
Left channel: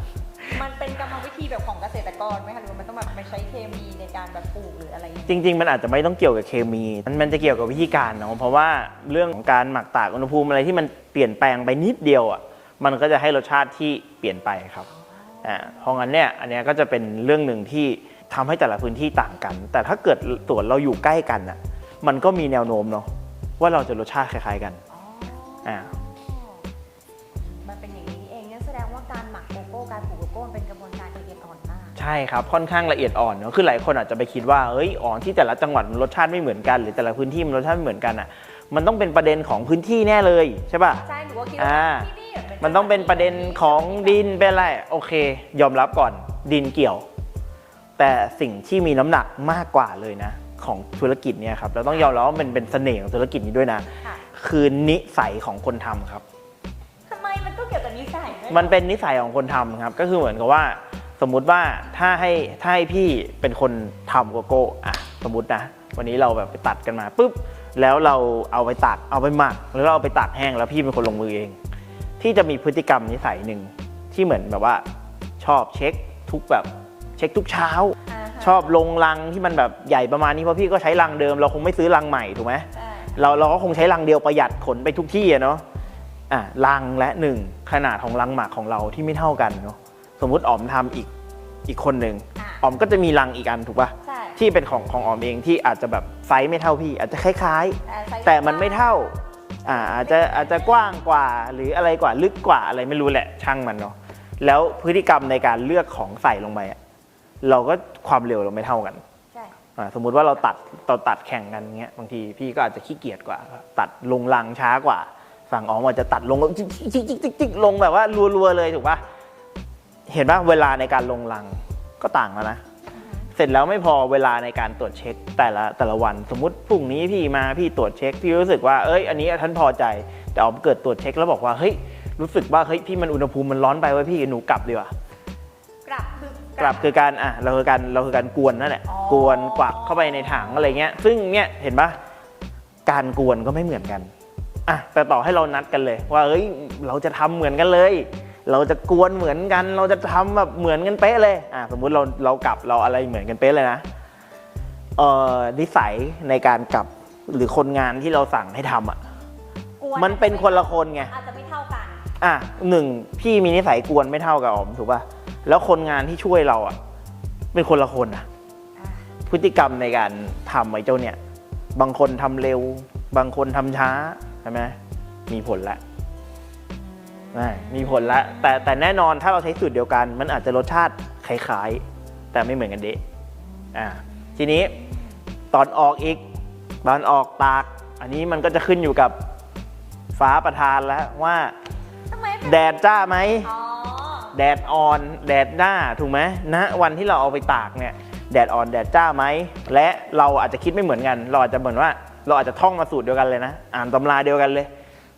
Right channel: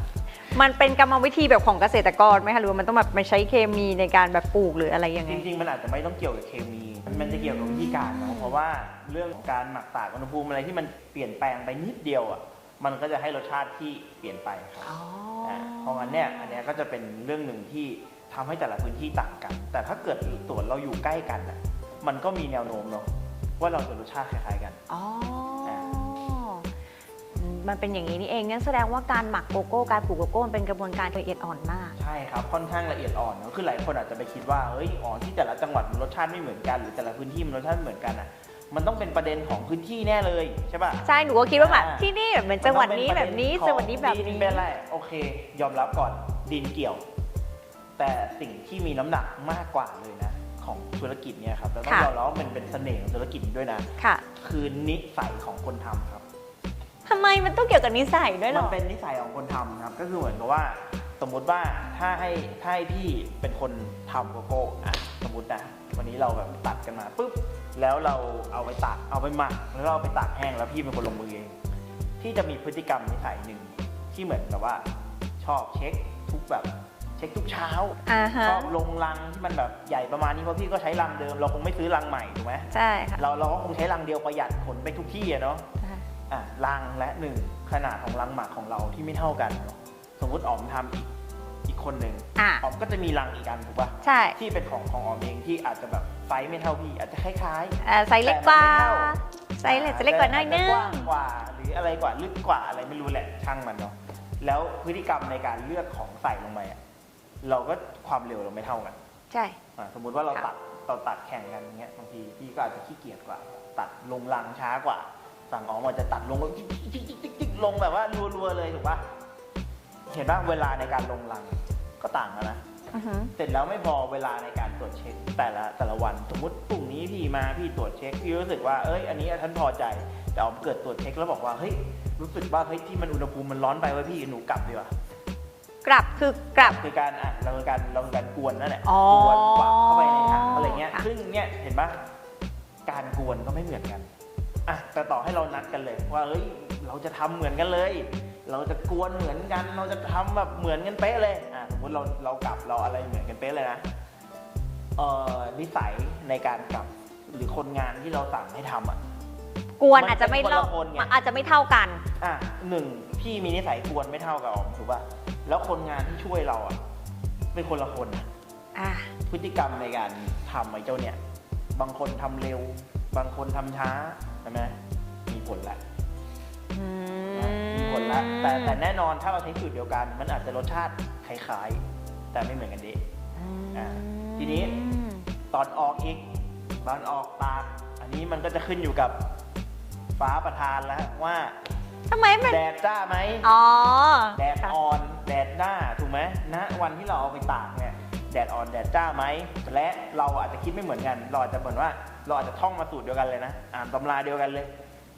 มันเป็นกรรมวิธีแบบของเกษตรกรไหมคะหรือว่ามันต้องแบบไม่ใช้เคมีในการแบบปลูกหรืออะไรอย่างจเงี้ยริง ๆ มันอาจจะไม่ต้องเกี่ยวกับเคมี มันมันจะเกี่ยวกับวิธีการเนาะเพราะว่าเรื่องของการหมักตากอุณหภูมิอะไรที่มันเปลี่ยนแปลงไปนิดเดียวอะมันก็จะให้รสชาติที่เปลี่ยนไปครับ อ๋ออ่าเพราะงั้นเนี่ยอันเนี้ยก็จะเป็นเรื่องหนึ่งที่ทำให้แต่ละพื้นที่ต่างกัน แต่ถ้าเกิดสวนเราอยู่ใกล้กันอะมันก็มีแนวโน้มเนาะว่าเราจะรสชาติคล้ายๆกันอ๋ออ่ามันเป็นอย่างนี้นี่เองงั้นแสดงว่าการหมักโกโก้การปลูกโกโก้มันเป็นกระบวนการละเอียดอ่อนมาก ใช่ครับค่อนข้างละเอียดอ่อนเนอะคือหลายคนอาจจะไปคิดว่าเอ้ยอ๋อที่แต่ละจังหวัดมันรสชาติไม่เหมือนกัน หรือแต่ละพื้นที่มันรสชาติไม่เหมือนกันอะ มันต้องเป็นประเด็นของพื้นที่แน่เลยใช่ป่ะ ใช่ หนูก็คิดว่าแบบอ่า ที่นี่แบบมันมันต้องเป็นประเด็นของดินเป็นนอะไรโอเค ยอมรับก่อนดินเกี่ยว แต่สิ่งที่มีน้ำหนักมากกว่าเลยนะ ของธุรกิจเนี่ยครับเราต้องยอมรับว่ามันเป็นเสน่ห์ของธุรกิจนี้ด้วยนะ ค่ะคือนิสัยของคนทำครับ ทำไมมันต้องเกี่ยวกับนิสัยด้วยหรอมันเป็นนิสัยของคนทำครับ ก็คือเหมือนกับว่าสมมุติว่าถ้าให้ถ้าให้พี่เป็นคนทำโกโก้อะสมมตินะวันนี้เราแบบไปตัดกันมาปุ๊บ แล้วเราเอาไปตักเอาไปหมักหรือเราเอาไปตากแห้งแล้วพี่เป็นคนลงมือเองที่จะมีพฤติกรรมนิสัยหนึ่งที่เหมือนแบบว่า ชอบเช็คทุกแบบเช็คทุกเช้าาฮะชอบลงลังที่มันแบบใหญ่ประมาณนี้เพราะพี่ก็ใช้ลังเดิม เราคงไม่ซื้อลังใหม่ถูกไหม ใช่ค่ะ เราเราก็คงใช้ลังเดียวประหยัดขนไปทุกที่อะเนาะ อะลังและหนึ่งขนาดของลังหมากของเราที่ไม่เท่ากันเนาะ สมมุติอ๋อมทำอีก อีกคนหนึ่งอะอ๋อมก็จะมีลังอีกอันถูกปะใช่ที่เป็นของของอ๋อมเองที่อาจจะแบบไซส์ไม่เท่าพี่ อาจจะคล้ายอ่าไซส์แต่เล็กมันไม่เท่าไซๆส์อ่าอาจเล็กจะกว่าอาจจะนิดนึกว้างกว่าหรืออะไรกว่าลึกกว่าอะไรไม่รู้แหละช่างมันเนาะแล้วพฤติกรรมในการเลือกของใส่ลงไปอะเราก็ความเร็วเราไม่เท่ากัน ใช่ อ่าสมมุติว่าเราตัดเราตัดแข่งกันเงี้ยบางทีพี่ก็อาจจะขี้เกียจกว่า ตัดลงลังช้ากว่า สั่งอ๋อมอาจจะตัดลงจิ๊กจิ๊กจิ๊กจิ๊กจิ๊กลงแบบว่ารัวๆเลยถูกปะ เห็นปะเวลาในการลงลังก็ต่างแล้วนะ อือหือเสร็จแล้วไม่พอเวลาในการตรวจเช็คแต่ละแต่ละวันสมมติพรุ่งนี้พี่มาพี่ตรวจเช็คพี่รู้สึกว่าเอ้ยอันนี้ท่านพอใจ แต่อ๋อมเกิดตรวจเช็คแล้วบอกว่าเฮ้ยรู้สึกว่าเฮ้ยพี่มันอุณหภูมิมันร้อนไปเว่าพี่หนูกลับดีกว่ากลับคือกกลัลับบคือการอะเราคือการเราคือการกวนนั่นแหละอ๋อกวนกวักเข้าไปในถังอะไรเงี้ยซึ่งเนี่ยเห็นปะการกวนก็ไม่เหมือนกันอะแต่ต่อให้เรานัดกันเลย ว่าเฮ้ยเราจะทำเหมือนกันเลย เราจะกวนเหมือนกัน เราจะทำแบบเหมือนกันเป๊ะเลยอะสมมุติเราเรากลับเราอะไรเหมือนกันเป๊ะเลยนะเอ่อนิสัยในการกลับหรือคนงานที่เราสั่งให้ทำอะกวนมันอาจเป็จะนไม่คนละท่าคนไงอาจจะไม่เท่ากัน อะหนึ่งพี่มีนิสัยกวนไม่เท่ากับอ๋อมถูกป่ะแล้วคนงานที่ช่วยเราอะ เป็นคนละคนอะอะพฤติกรรมในการทำไอ้เจ้าเนี่ย บางคนทำเร็ว บางคนทำช้าใช่ไหมมีผลละอะ มีผลละแต่แต่แน่นอนถ้าเราใช้สูตรเดียวกัน มันอาจจะรสชาติคล้ายๆ แต่ไม่เหมือนกันเดะอะทีนี้ตอนออกอีกตอนออกตาก อันนี้มันก็จะขึ้นอยู่กับฟ้าประทานแล้วว่าทำไมมันแดดจ้าไหมอ๋อแดดอ่อน แดดหน้าถูกไหมณวันที่เราเอาไปตากเนี่ยแดดอ่อนแดดจ้าไหมและเราอาจจะคิดไม่เหมือนกัน เราอาจจะเหมือนว่า เราอาจจะท่องมาสูตรเดียวกันเลยนะ อ่านตำราเดียวกันเลย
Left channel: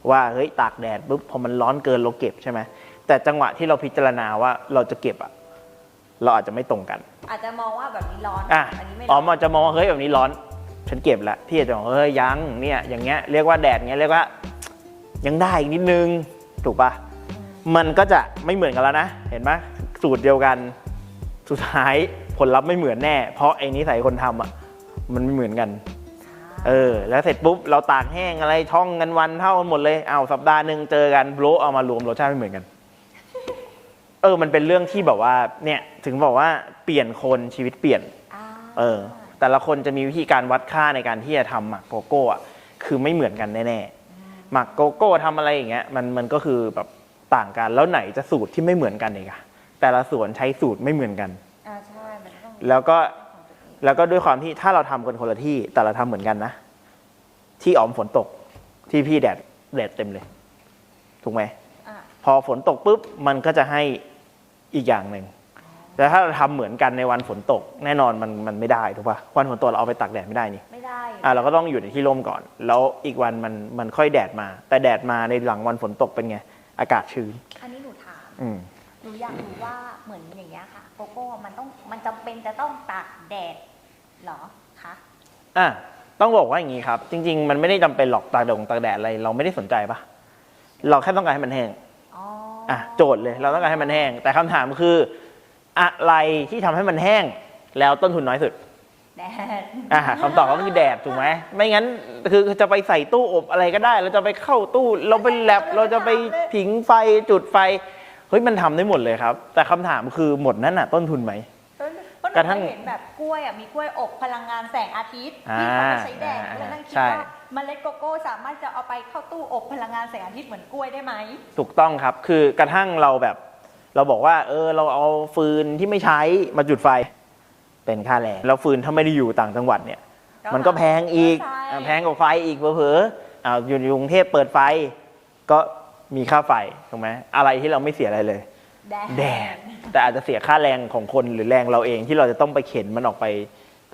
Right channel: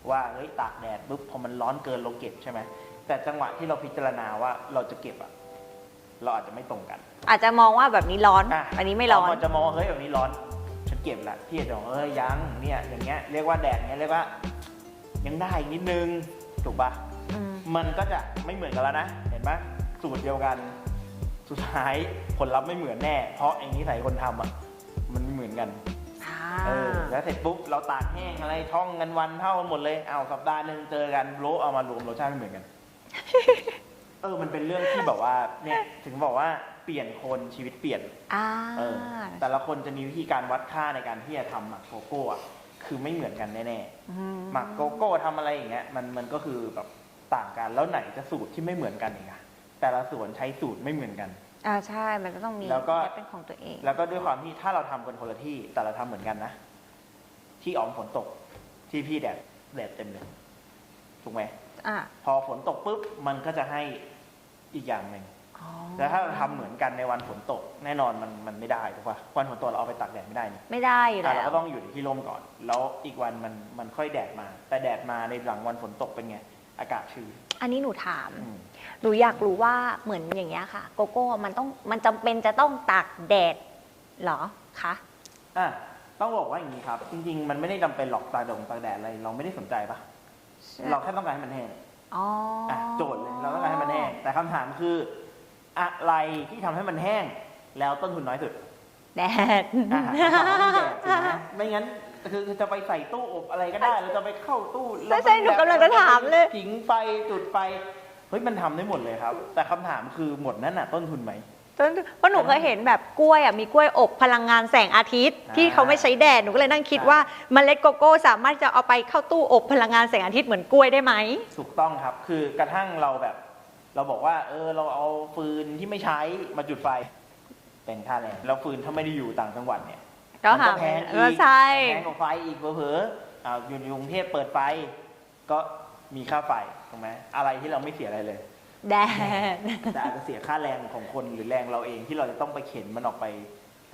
ว่าเฮ้ยตากแดดปุ๊บพอมันร้อนเกินเราเก็บใช่ไหมแต่จังหวะที่เราพิจารณาว่าเราจะเก็บอะเราอาจจะไม่ตรงกัน อาจจะมองว่าแบบนี้ร้อนอะอันนี้ไม่ร้อนอาจจะมองว่าเฮ้ยแบบนี้ร้อน ฉันเก็บแล้วพี่อาจจะบอกเฮ้ยยังเนี่ยอย่างเงี้ยเรียกว่าแดดเงี้ยเรียกว่า ยังได้อีกนิดนึงถูกปะอืมมันก็จะไม่เหมือนกันแล้วนะ เห็นไหมสูตรเดียวกันสุดท้ายผลลัพธ์ไม่เหมือนแน่ เพราะไอ้นิสัยคนทำอะมันไม่เหมือนกัน เออแล้วเสร็จปุ๊บเราตากแห้งอะไรท่องกันวันเท่ากันหมดเลยเอาวสัปดาห์หนึ่งเจอกันโลเอามารวมรสชาติไม่เหมือนกัน เออมันเป็นเรื่องที่แบบว่าเนี่ยถึงบอกว่าเปลี่ยนคนชีวิตเปลี่ยนอ่าเออ แต่ละคนจะมีวิธีการวัดค่าในการที่จะทำหมักโกโก้อะคือไม่เหมือนกันแน่ๆหมักโกโก้ทำอะไรอย่างเงี้ยมันมันก็คือแบบต่างกันแล้วไหนจะสูตรที่ไม่เหมือนกันอีกอะแต่ละสวนใช้สูตรไม่เหมือนกัน อ่าใช่ มันจะต้องมีแล้วก็ เป็นของตัวเอง แล้วก็ด้วยความที่ถ้าเราทำกันคนละที่แต่เราทำเหมือนกันนะ ที่อ๋อมฝนตก ที่พี่แดดแดดเต็มเลย ถูกไหม อ่าพอฝนตกปุ๊บมันก็จะให้อีกอย่างหนึ่งอ๋อแต่ถ้าเราทำเหมือนกันในวันฝนตก แน่นอนมันมันไม่ได้ถูกปะวันฝนตกเราเอาไปตากแดดไม่ได้นี่ไม่ได้อยู่อะแล้วเราก็ต้องอยู่ในที่ร่มก่อน แล้วอีกวันมันมันค่อยแดดมา แต่แดดมาในหลังวันฝนตกเป็นไง อากาศชื้น อันนี้หนูถาม อืม หนูอยากรู้ว่าเหมือนอย่างเงี้ยค่ะ โกโก้มันต้องมันจำเป็นจะต้องตากแดดเหรอคะอะต้องบอกว่าอย่างนี้ครับ จริง ๆ มันไม่ได้จำเป็นหรอกตากแดดตากแดดอะไรเราไม่ได้สนใจปะเราแค่ต้องการให้มันแห้งอ๋อออะโจทย์เลยเราต้องการให้มันแห้ง แต่คำถามคืออะไรที่ทำให้มันแห้งแล้วต้นทุนน้อยสุด แดด อะคำตอบก็คือแดดถูกไหมไม่งั้นคือจะไปใส่ตู้อบอะไรก็ได้ เราจะไปเข้าตู้ เราไปแลบเราจะไปผิงไฟจุดไฟเฮ้ยมันทำได้หมดเลยครับ แต่คำถามคือหมดนั้นน่ะ ต้นทุนไหม เพราะหนูกระทั่เคงยเห็นแบบกล้วยอะมีกล้วยอบพลังงานแสงอาทิตย์ อ่าที่เขาไม่ใช้แดดหนูก็เลยนั่งคิดใช่ ว่าเมล็ดโกโก้สามารถจะเอาไปเข้าตู้อบพลังงานแสงอาทิตย์เหมือนกล้วยได้ไหม ถูกต้องครับ คือกระทั่งเราแบบ เราบอกว่า เออ เราเอาฟืนที่ไม่ใช้มาจุดไฟ เป็นค่าแรง แล้วฟืนถ้าไม่ได้อยู่ต่างจังหวัดเนี่ย มันก็แพงอีก ใช่ แพงกว่าไฟอีกเผลอๆอ้าวอยู่ในกรุงเทพเปิดไฟ ก็ มีค่าไฟถูกไหมอะไรที่เราไม่เสียอะไรเลยแดแดดดแต่อาจจะเสียค่าแรงของคนหรือแรงเราเองที่เราจะต้องไปเข็นมันออกไป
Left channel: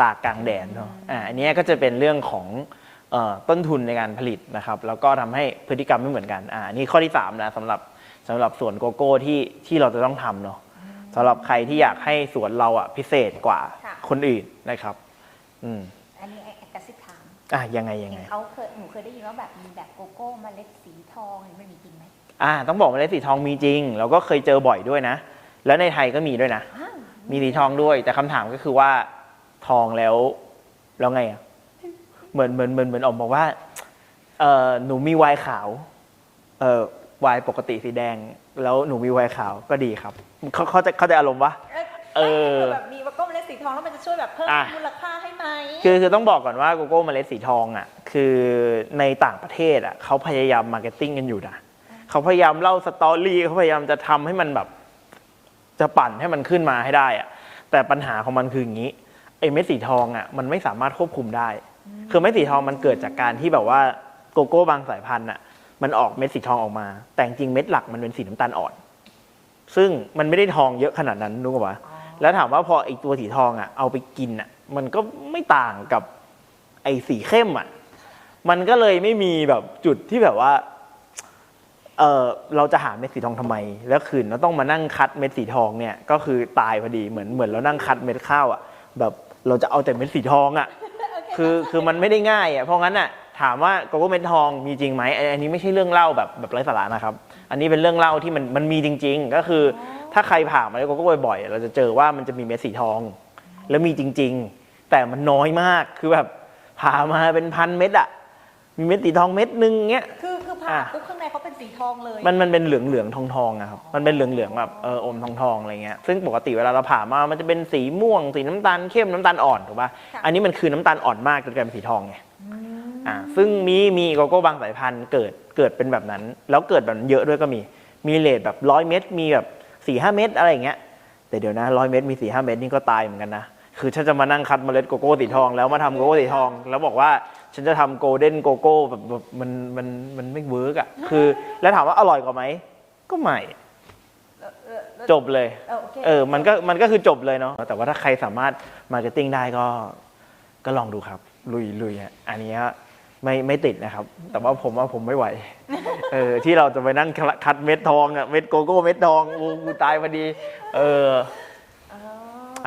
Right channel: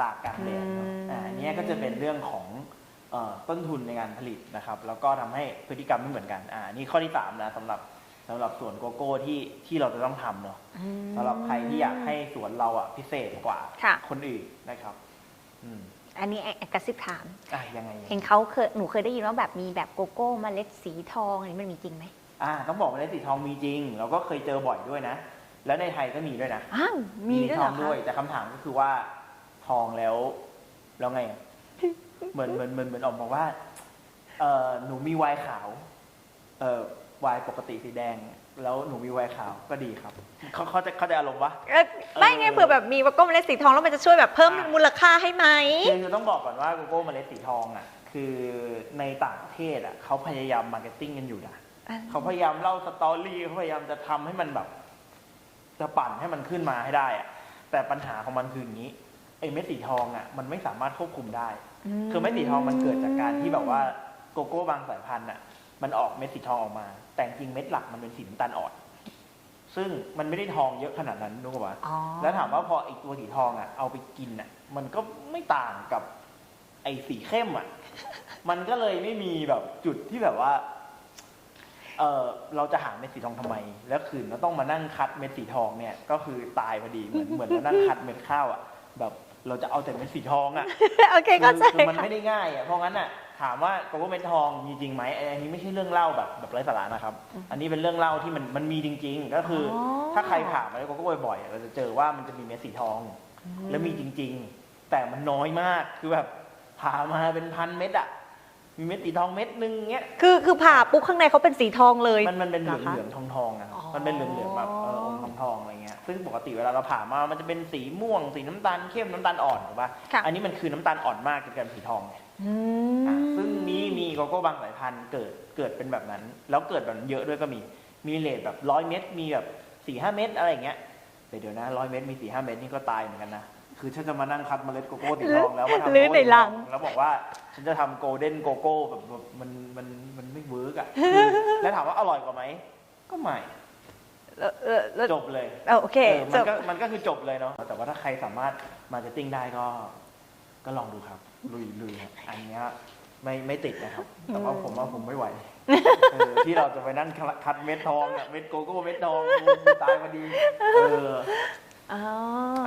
ตากกลางแดดเนาะอ่าอันเนี้ยก็จะเป็นเรื่องของเอ่อต้นทุนในการผลิตนะครับ แล้วก็ทำให้พฤติกรรมไม่เหมือนกันอ่านี่ข้อที่สามนะสำหรับสำหรับสวนโกโก้ที่ที่เราจะต้องทำเนาะสำหรับใครที่อยากให้สวนเราอะพิเศษกว่าค่ะคนอื่นนะครับ อืมอันนี้แอบกระซิบถาม อะยังไงยังเห็ไงนเขาเคยหนูเคยได้ยินว่าแบบมีแบบโกโก้เมล็ดสีทองอันนี้มันมีจริงไหมอ่าต้องบอกว่าเลสีทองมีจริง เราก็เคยเจอบ่อยด้วยนะ แล้วในไทยก็มีด้วยนะอ้าวมีสีเหรทองด้วย แต่คำถามก็คือว่าทองแล้วแล้วไงอะเหมือนเหมือนเหมือนเหมือนออกบอกว่าเออหนูมีไวน์ขาวเออไวน์ปกติสีแดง แล้วหนูมีไวน์ขาวก็ดีครับเขาเขาจะเขาใจะอารมณ์ปะเอ้ย ไม่เออเผื่อแบบมีโกโก้เมล็ดสีทองแล้วมันจะช่วยแบบเพิ่มอะ มูลค่าให้ไหม คือคือต้องบอกก่อนว่าโกโก้เมล็ดสีทองอะคือในต่างประเทศอะเขาพยายามมาร์เก็ตติ้งกันอยู่นะอ่า เขาพยายามเล่าสตอรี่เขาพยายามจะทำให้มันแบบ จะปั่นให้มันขึ้นมาให้ได้อะแต่ปัญหาของมันคืออย่างนี้ไอ้เม็ดสีทองอะมันไม่สามารถควบคุมได้ คือเม็ดสีทองมันเกิดจากการที่แบบว่าโกโก้บางสายพันธุ์อะมันออกเม็ดสีทองออกมา แต่จริงๆเม็ดหลักมันเป็นสีน้ำตาลอ่อน ซึ่งมันไม่ได้ทองเยอะขนาดนั้นรู้ป่ะอ๋อแล้วถามว่าพอไอ้ตัวสีทองอะเอาไปกินอะ มันก็ไม่ต่างกับไอ้สีเข้มอะ มันก็เลยไม่มีแบบจุดที่แบบว่าเออเราจะหาเม็ดสีทองทำไม แล้วคืนเราต้องมานั่งคัดเม็ดสีทองเนี่ย ก็คือตายพอดีเหมือนเหมือนเรานั่งคัดเม็ดข้าวอะ แบบเราจะเอาแต่เม็ดสีทองอะโอเคคืเข้าอใจคือมันไม่ได้ง่ายอะ เพราะงั้นอะ ถามว่าโกโก้เม็ดทองมีจริงไหมอันอันนี้ไม่ใช่เรื่องเล่าแบบแบบไร้สาระนะครับ อันนี้เป็นเรื่องเล่าที่มันมันมีจริง ๆ ก็คืออถ้าใครผ่านมาโกโก้บ่อยๆ เราจะเจอว่ามันจะมีเม็ดสีทอง แล้วมีจริง ๆ แต่มันน้อยมากคือแบบผ่ามาเป็นพันเม็ดอะ มีเม็ดสีทองเม็ดนึงเงี้ย คือคือผ่าอะปุ๊บข้างในเขาเป็นสีทองเลย มันมันเป็นเหลืองเหลืองทองทองๆนะครับอ๋อมันเป็นเหลืองเหลืองๆแบบเอออมทองทองๆอะไรเงี้ย ซึ่งปกติเวลาเราผ่ามา มันจะเป็นสีม่วง สีน้ำตาลเข้มน้ำตาลอ่อนถูกป่ะค่ะ อันนี้มันคือน้ำตาลอ่อนมากจนกลายเป็นสีทองไงอืมอ่า ซึ่งมีมีโกโก้บางสายพันธุ์เกิดเกิดเป็นแบบนั้น แล้วเกิดแบบนั้นเยอะด้วยก็มี มีเลทแบบร้อยเม็ด มีแบบสี่ห้าเม็ดอะไรอย่างเงี้ย แต่เดี๋ยวนะร้อยเม็ดมีสี่ห้าเม็ดนี่ก็ตายเหมือนกันนะ คือฉันจะมานั่งคัดเมล็ดโกโก้สีทอง แล้วมาทำโกโก้สีทอง แล้วบอกว่าฉันจะทำโกลเด้นโกโก้แบบแบบมันมันมันไม่เวิร์กอะคือ แล้วถามว่าอร่อยกว่าไหมก็ไม่ เออเออเออจบเลยเออโอเคเออมันจบก็มันก็คือจบเลยเนาะแต่ว่าถ้าใครสามารถมาร์เก็ตติ้งได้ก็ ก็ลองดูครับ ลุยลุยฮะอันนี้ไม่ไม่ติดนะครับ แต่ว่าผมว่าผมไม่ไหว เออที่เราจะไปนั่งคัดเม็ดทองเนี่ยเม็ดโกโก้เม็ดทองกูกูตายพอดี เออ อ๋อ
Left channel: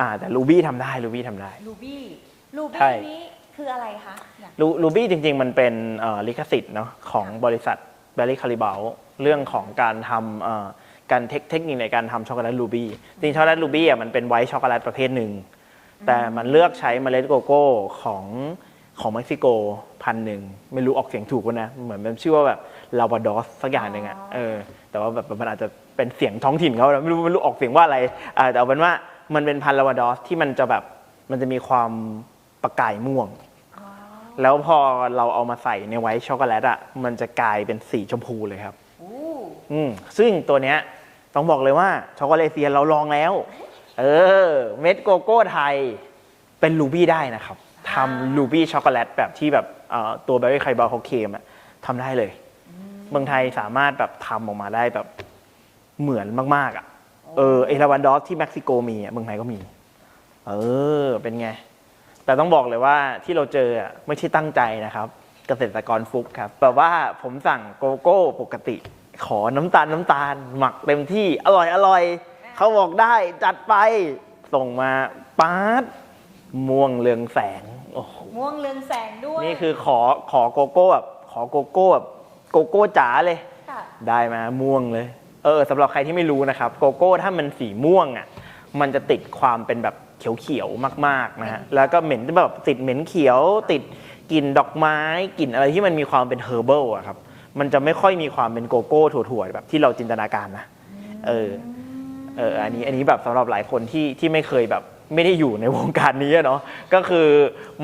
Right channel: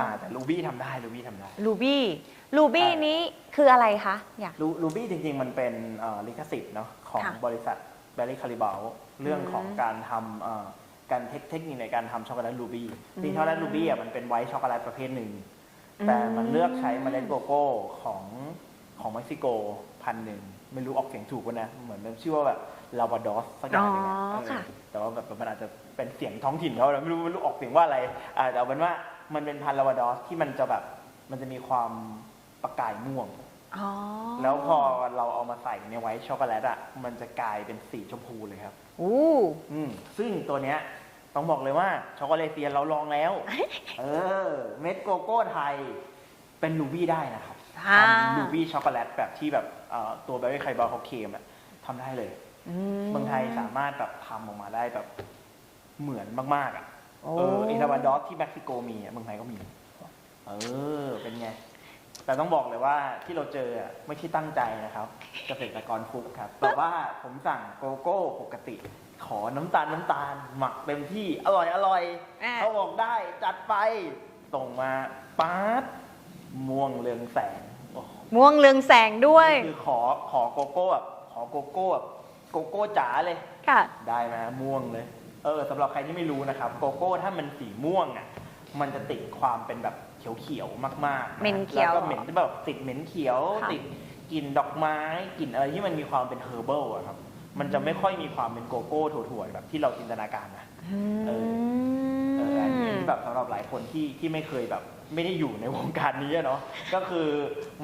อ่าแต่ลูบี้ทำได้ลูบี้ทำได้ลูบี้ลูบี้ใช่ นี้คืออะไรคะอยากลูลูบี้จริง ๆ มันเป็นเอ่อลิขสิทธิ์เนาะของค่ะบริษัทเบลลี่คาริบาเรื่องของการทำเอ่อการเทคเทคนิคในการทำช็อกโกแลตลูบี้จริงๆช็อกโกแลตลูบี้อะมันเป็นไวท์ช็อกโกแลตประเภทหนึ่ง แต่มันเลือกใช้เมล็ดโกโก้ของของเม็กซิโกพันหนึ่ง ไม่รู้ออกเสียงถูกป่ะนะ เหมือนมันชื่อว่าแบบลาวาดอสสักอย่างหนึ่งอะอ๋อเออ ค่ะ แต่ว่าแบบมันอาจจะเป็นเสียงท้องถิ่นเขานะไม่รู้ไม่รู้ออกเสียงว่าอะไรอ่าแต่เอาเป็นว่า มันเป็นพันธุ์ลาวาดอสที่มันจะแบบมันจะมีความประกายม่วง อ๋อแล้วพอเราเอามาใส่ในไวท์ช็อกโกแลตอะมันจะกลายเป็นสีชมพูเลยครับ อู้อืมซึ่งตัวเนี้ยต้องบอกเลยว่าช็อกโกแลตเซียนเราลองแล้ว เออ เม็ดโกโก้ไทยเป็นลูบี้ได้นะครับทำลูบี้ช็อกโกแลตแบบที่แบบเอ่อตัวเบอร์รี่ไคบอลเขาเคลมอะทำได้เลยมเมืองไทยสามารถแบบทำออกมาได้แบบเหมือนมาก ๆอะโอ้ เออเอลาวันดอสที่เม็กซิโกมีอะเมืองไทยก็มี เออ เป็นไง แต่ต้องบอกเลยว่าที่เราเจออะไม่ใช่ตั้งใจนะครับ เกษตรกรฟุกครับแบบว่าผมสั่งโกโก้ปกติ ขอน้ำตาลน้ำตาล หมักเต็มที่อร่อยอร่อยอะเขาบอกได้จัดไปส่งมาป๊าดม่วงเรืองแสงโอ้โหม่วงเรืองแสงด้วย นี่คือขอขอโกโก้แบบขอโกโก้แบบโกโก้จ๋าเลย ค่ะ ได้มาม่วงเลย เออสำหรับใครที่ไม่รู้นะครับ โกโก้ถ้ามันสีม่วงอะมันจะติดความเป็นแบบเขียวๆมากๆเหม็นะนฮะเขียว แล้วก็เหม็นแบบติดเหม็นเขียวค่ะติดกลิ่นดอกไม้กลิ่นอะไรที่มันมีความเป็นเฮอร์เบิลอะครับมันจะไม่ค่อยมีความเป็นโกโก้ถั่วๆแบบที่เราจินตนาการนะเออ เอออันนี้อันนี้แบบสำหรับหลายคนที่ที่ไม่เคยแบบไม่ได้อยู่ในวงการนี้อะเนาะก็คือ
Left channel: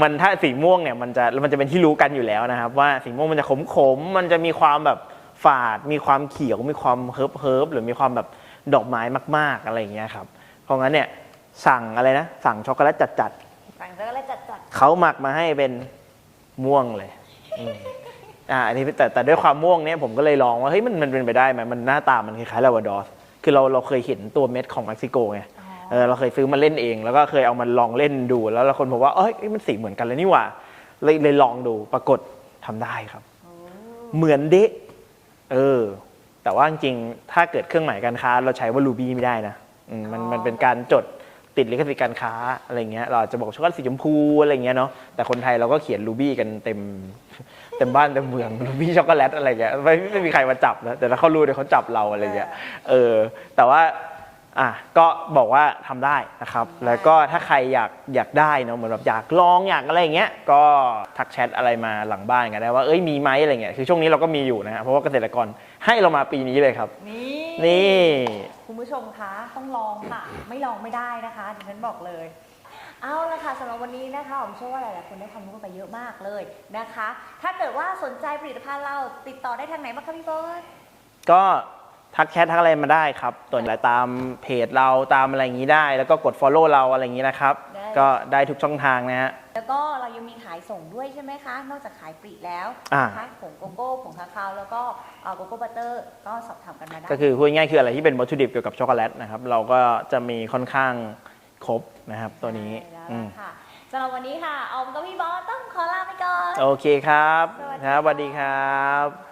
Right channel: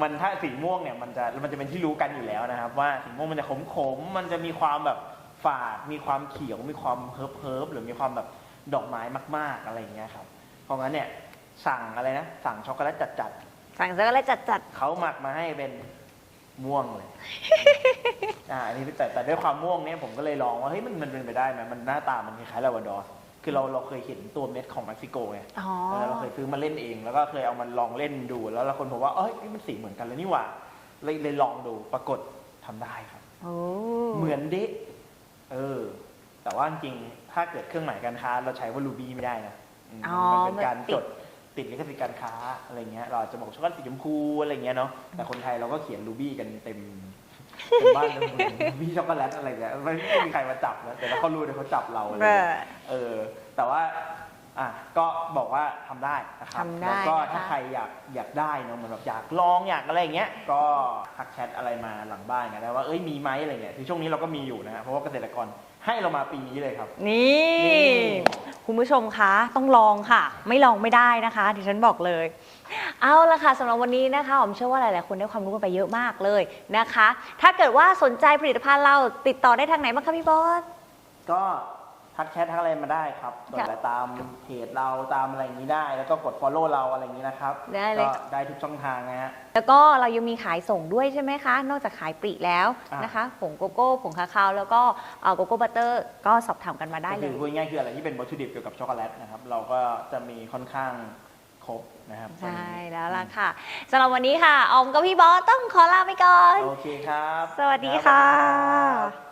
มันถ้าสีม่วงเนี่ยมันจะมันจะเป็นที่รู้กันอยู่แล้วนะครับ ว่าสีม่วงมันจะขมขมๆมันจะมีความแบบ ฝาด มีความเขียว มีความเฮิร์บเฮิร์บหรือมีความแบบดอกไม้มาก ๆ อะไรอย่างเงี้ยครับ เพราะงั้นเนี่ยสั่งอะไรนะ สั่งช็อกโกแลตจัดสั่งช็อกโกแลตจัดๆเขาหมักมาให้เป็นม่วงเลยอืมอ่าอันนี้แต่แต่ด้วยความม่วงเนี่ยผมก็เลยลองว่าเฮ้ยมันมันเป็นไปได้ไหมมันหน้าตามันคล้ายๆลาวาดอสคือเราเราเคยเห็นตัวเม็ดของเม็กซิโกไงๆอ๋อเออเราเคยซื้อมาเล่นเอง แล้วก็เคยเอามาลองเล่นดู แล้วเราคนบอกว่าเอ้ยเอ้ยมันสีเหมือนกันเลยนี่หว่าเลยเลยลองดูปรากฏทำได้ครับ โอ้เหมือนเดะ เออ แต่ว่าจริงๆถ้าเกิดเครื่องหมายการค้า เราใช้ว่ารูบี้ไม่ได้นะอืมมันมันเป็นการจดติดลิขสิทธิ์การค้าอะไรเงี้ยเราอาจจะบอกช็อกโกแลตสีชมพูอะไรเงี้ยเนาะแต่คนไทยเราก็เขียนรูบี้กันเต็มเต็มบ้านเต็มเมืองรูบี้ช็อกโกแลตอะไรเงี้ยไม่ไม่มีใครมาจับนะแต่ถ้าเขารู้เดี๋ยวเขาจับเราอะไรเงี้ย เออแต่ว่า อะก็บอกว่าทำได้นะครับ ทำได้ แล้วก็ถ้าใครอยากอยากได้เนอะเหมือนแบบอยากลองอยากอะไรอย่างเงี้ยก็ทักแชทอะไรมาหลังบ้านกันได้ว่าเอ้ยมีไหมอะไรเงี้ยคือช่วงนี้เราก็มีอยู่นะฮะเพราะว่าเกษตรกรให้เรามาปีนี้เลยครับ นี่นี่ คุณผู้ชมคะต้องลองค่ะ ไม่ลองไม่ได้นะคะดิฉันบอกเลย เอาละค่ะสำหรับวันนี้นะคะผมเชื่อว่าหลาย ๆ คนได้ความรู้กันไปเยอะมากเลยนะคะ ถ้าเกิดว่าสนใจผลิตภัณฑ์เราติดต่อได้ทางไหนบ้างคะพี่บอส ก็ ทักแชททักอะไรมาได้ครับตัวไหนตามเพจเราตามอะไรอย่างนี้ได้ แล้วก็กด follow เราอะไรอย่างนี้นะครับ ได้เลย ก็ได้ทุกช่องทางนะฮะ แล้วก็เรายังมีขายส่งด้วยใช่ไหมคะ นอกจากขายปลีกแล้วอ่านนะคะผงโกโก้ผงคาคาวแล้วก็เอ่อโกโก้บัตเตอร์ก็สอบถามกันมาได้ ก็คือพูดง่ายๆคืออะไรที่เป็นวัตถุดิบเกี่ยวกับช็อกโกแลตนะครับเราก็จะมีค่อนข้างครบนะครับตัวนี้ใช่แล้วอืล่ะมค่ะสำหรับวันนี้ค่ะออมกับพี่บอสต้องขอลาไปก่อน โอเคครับสวัสดีนะสวัสดีค่ะครับ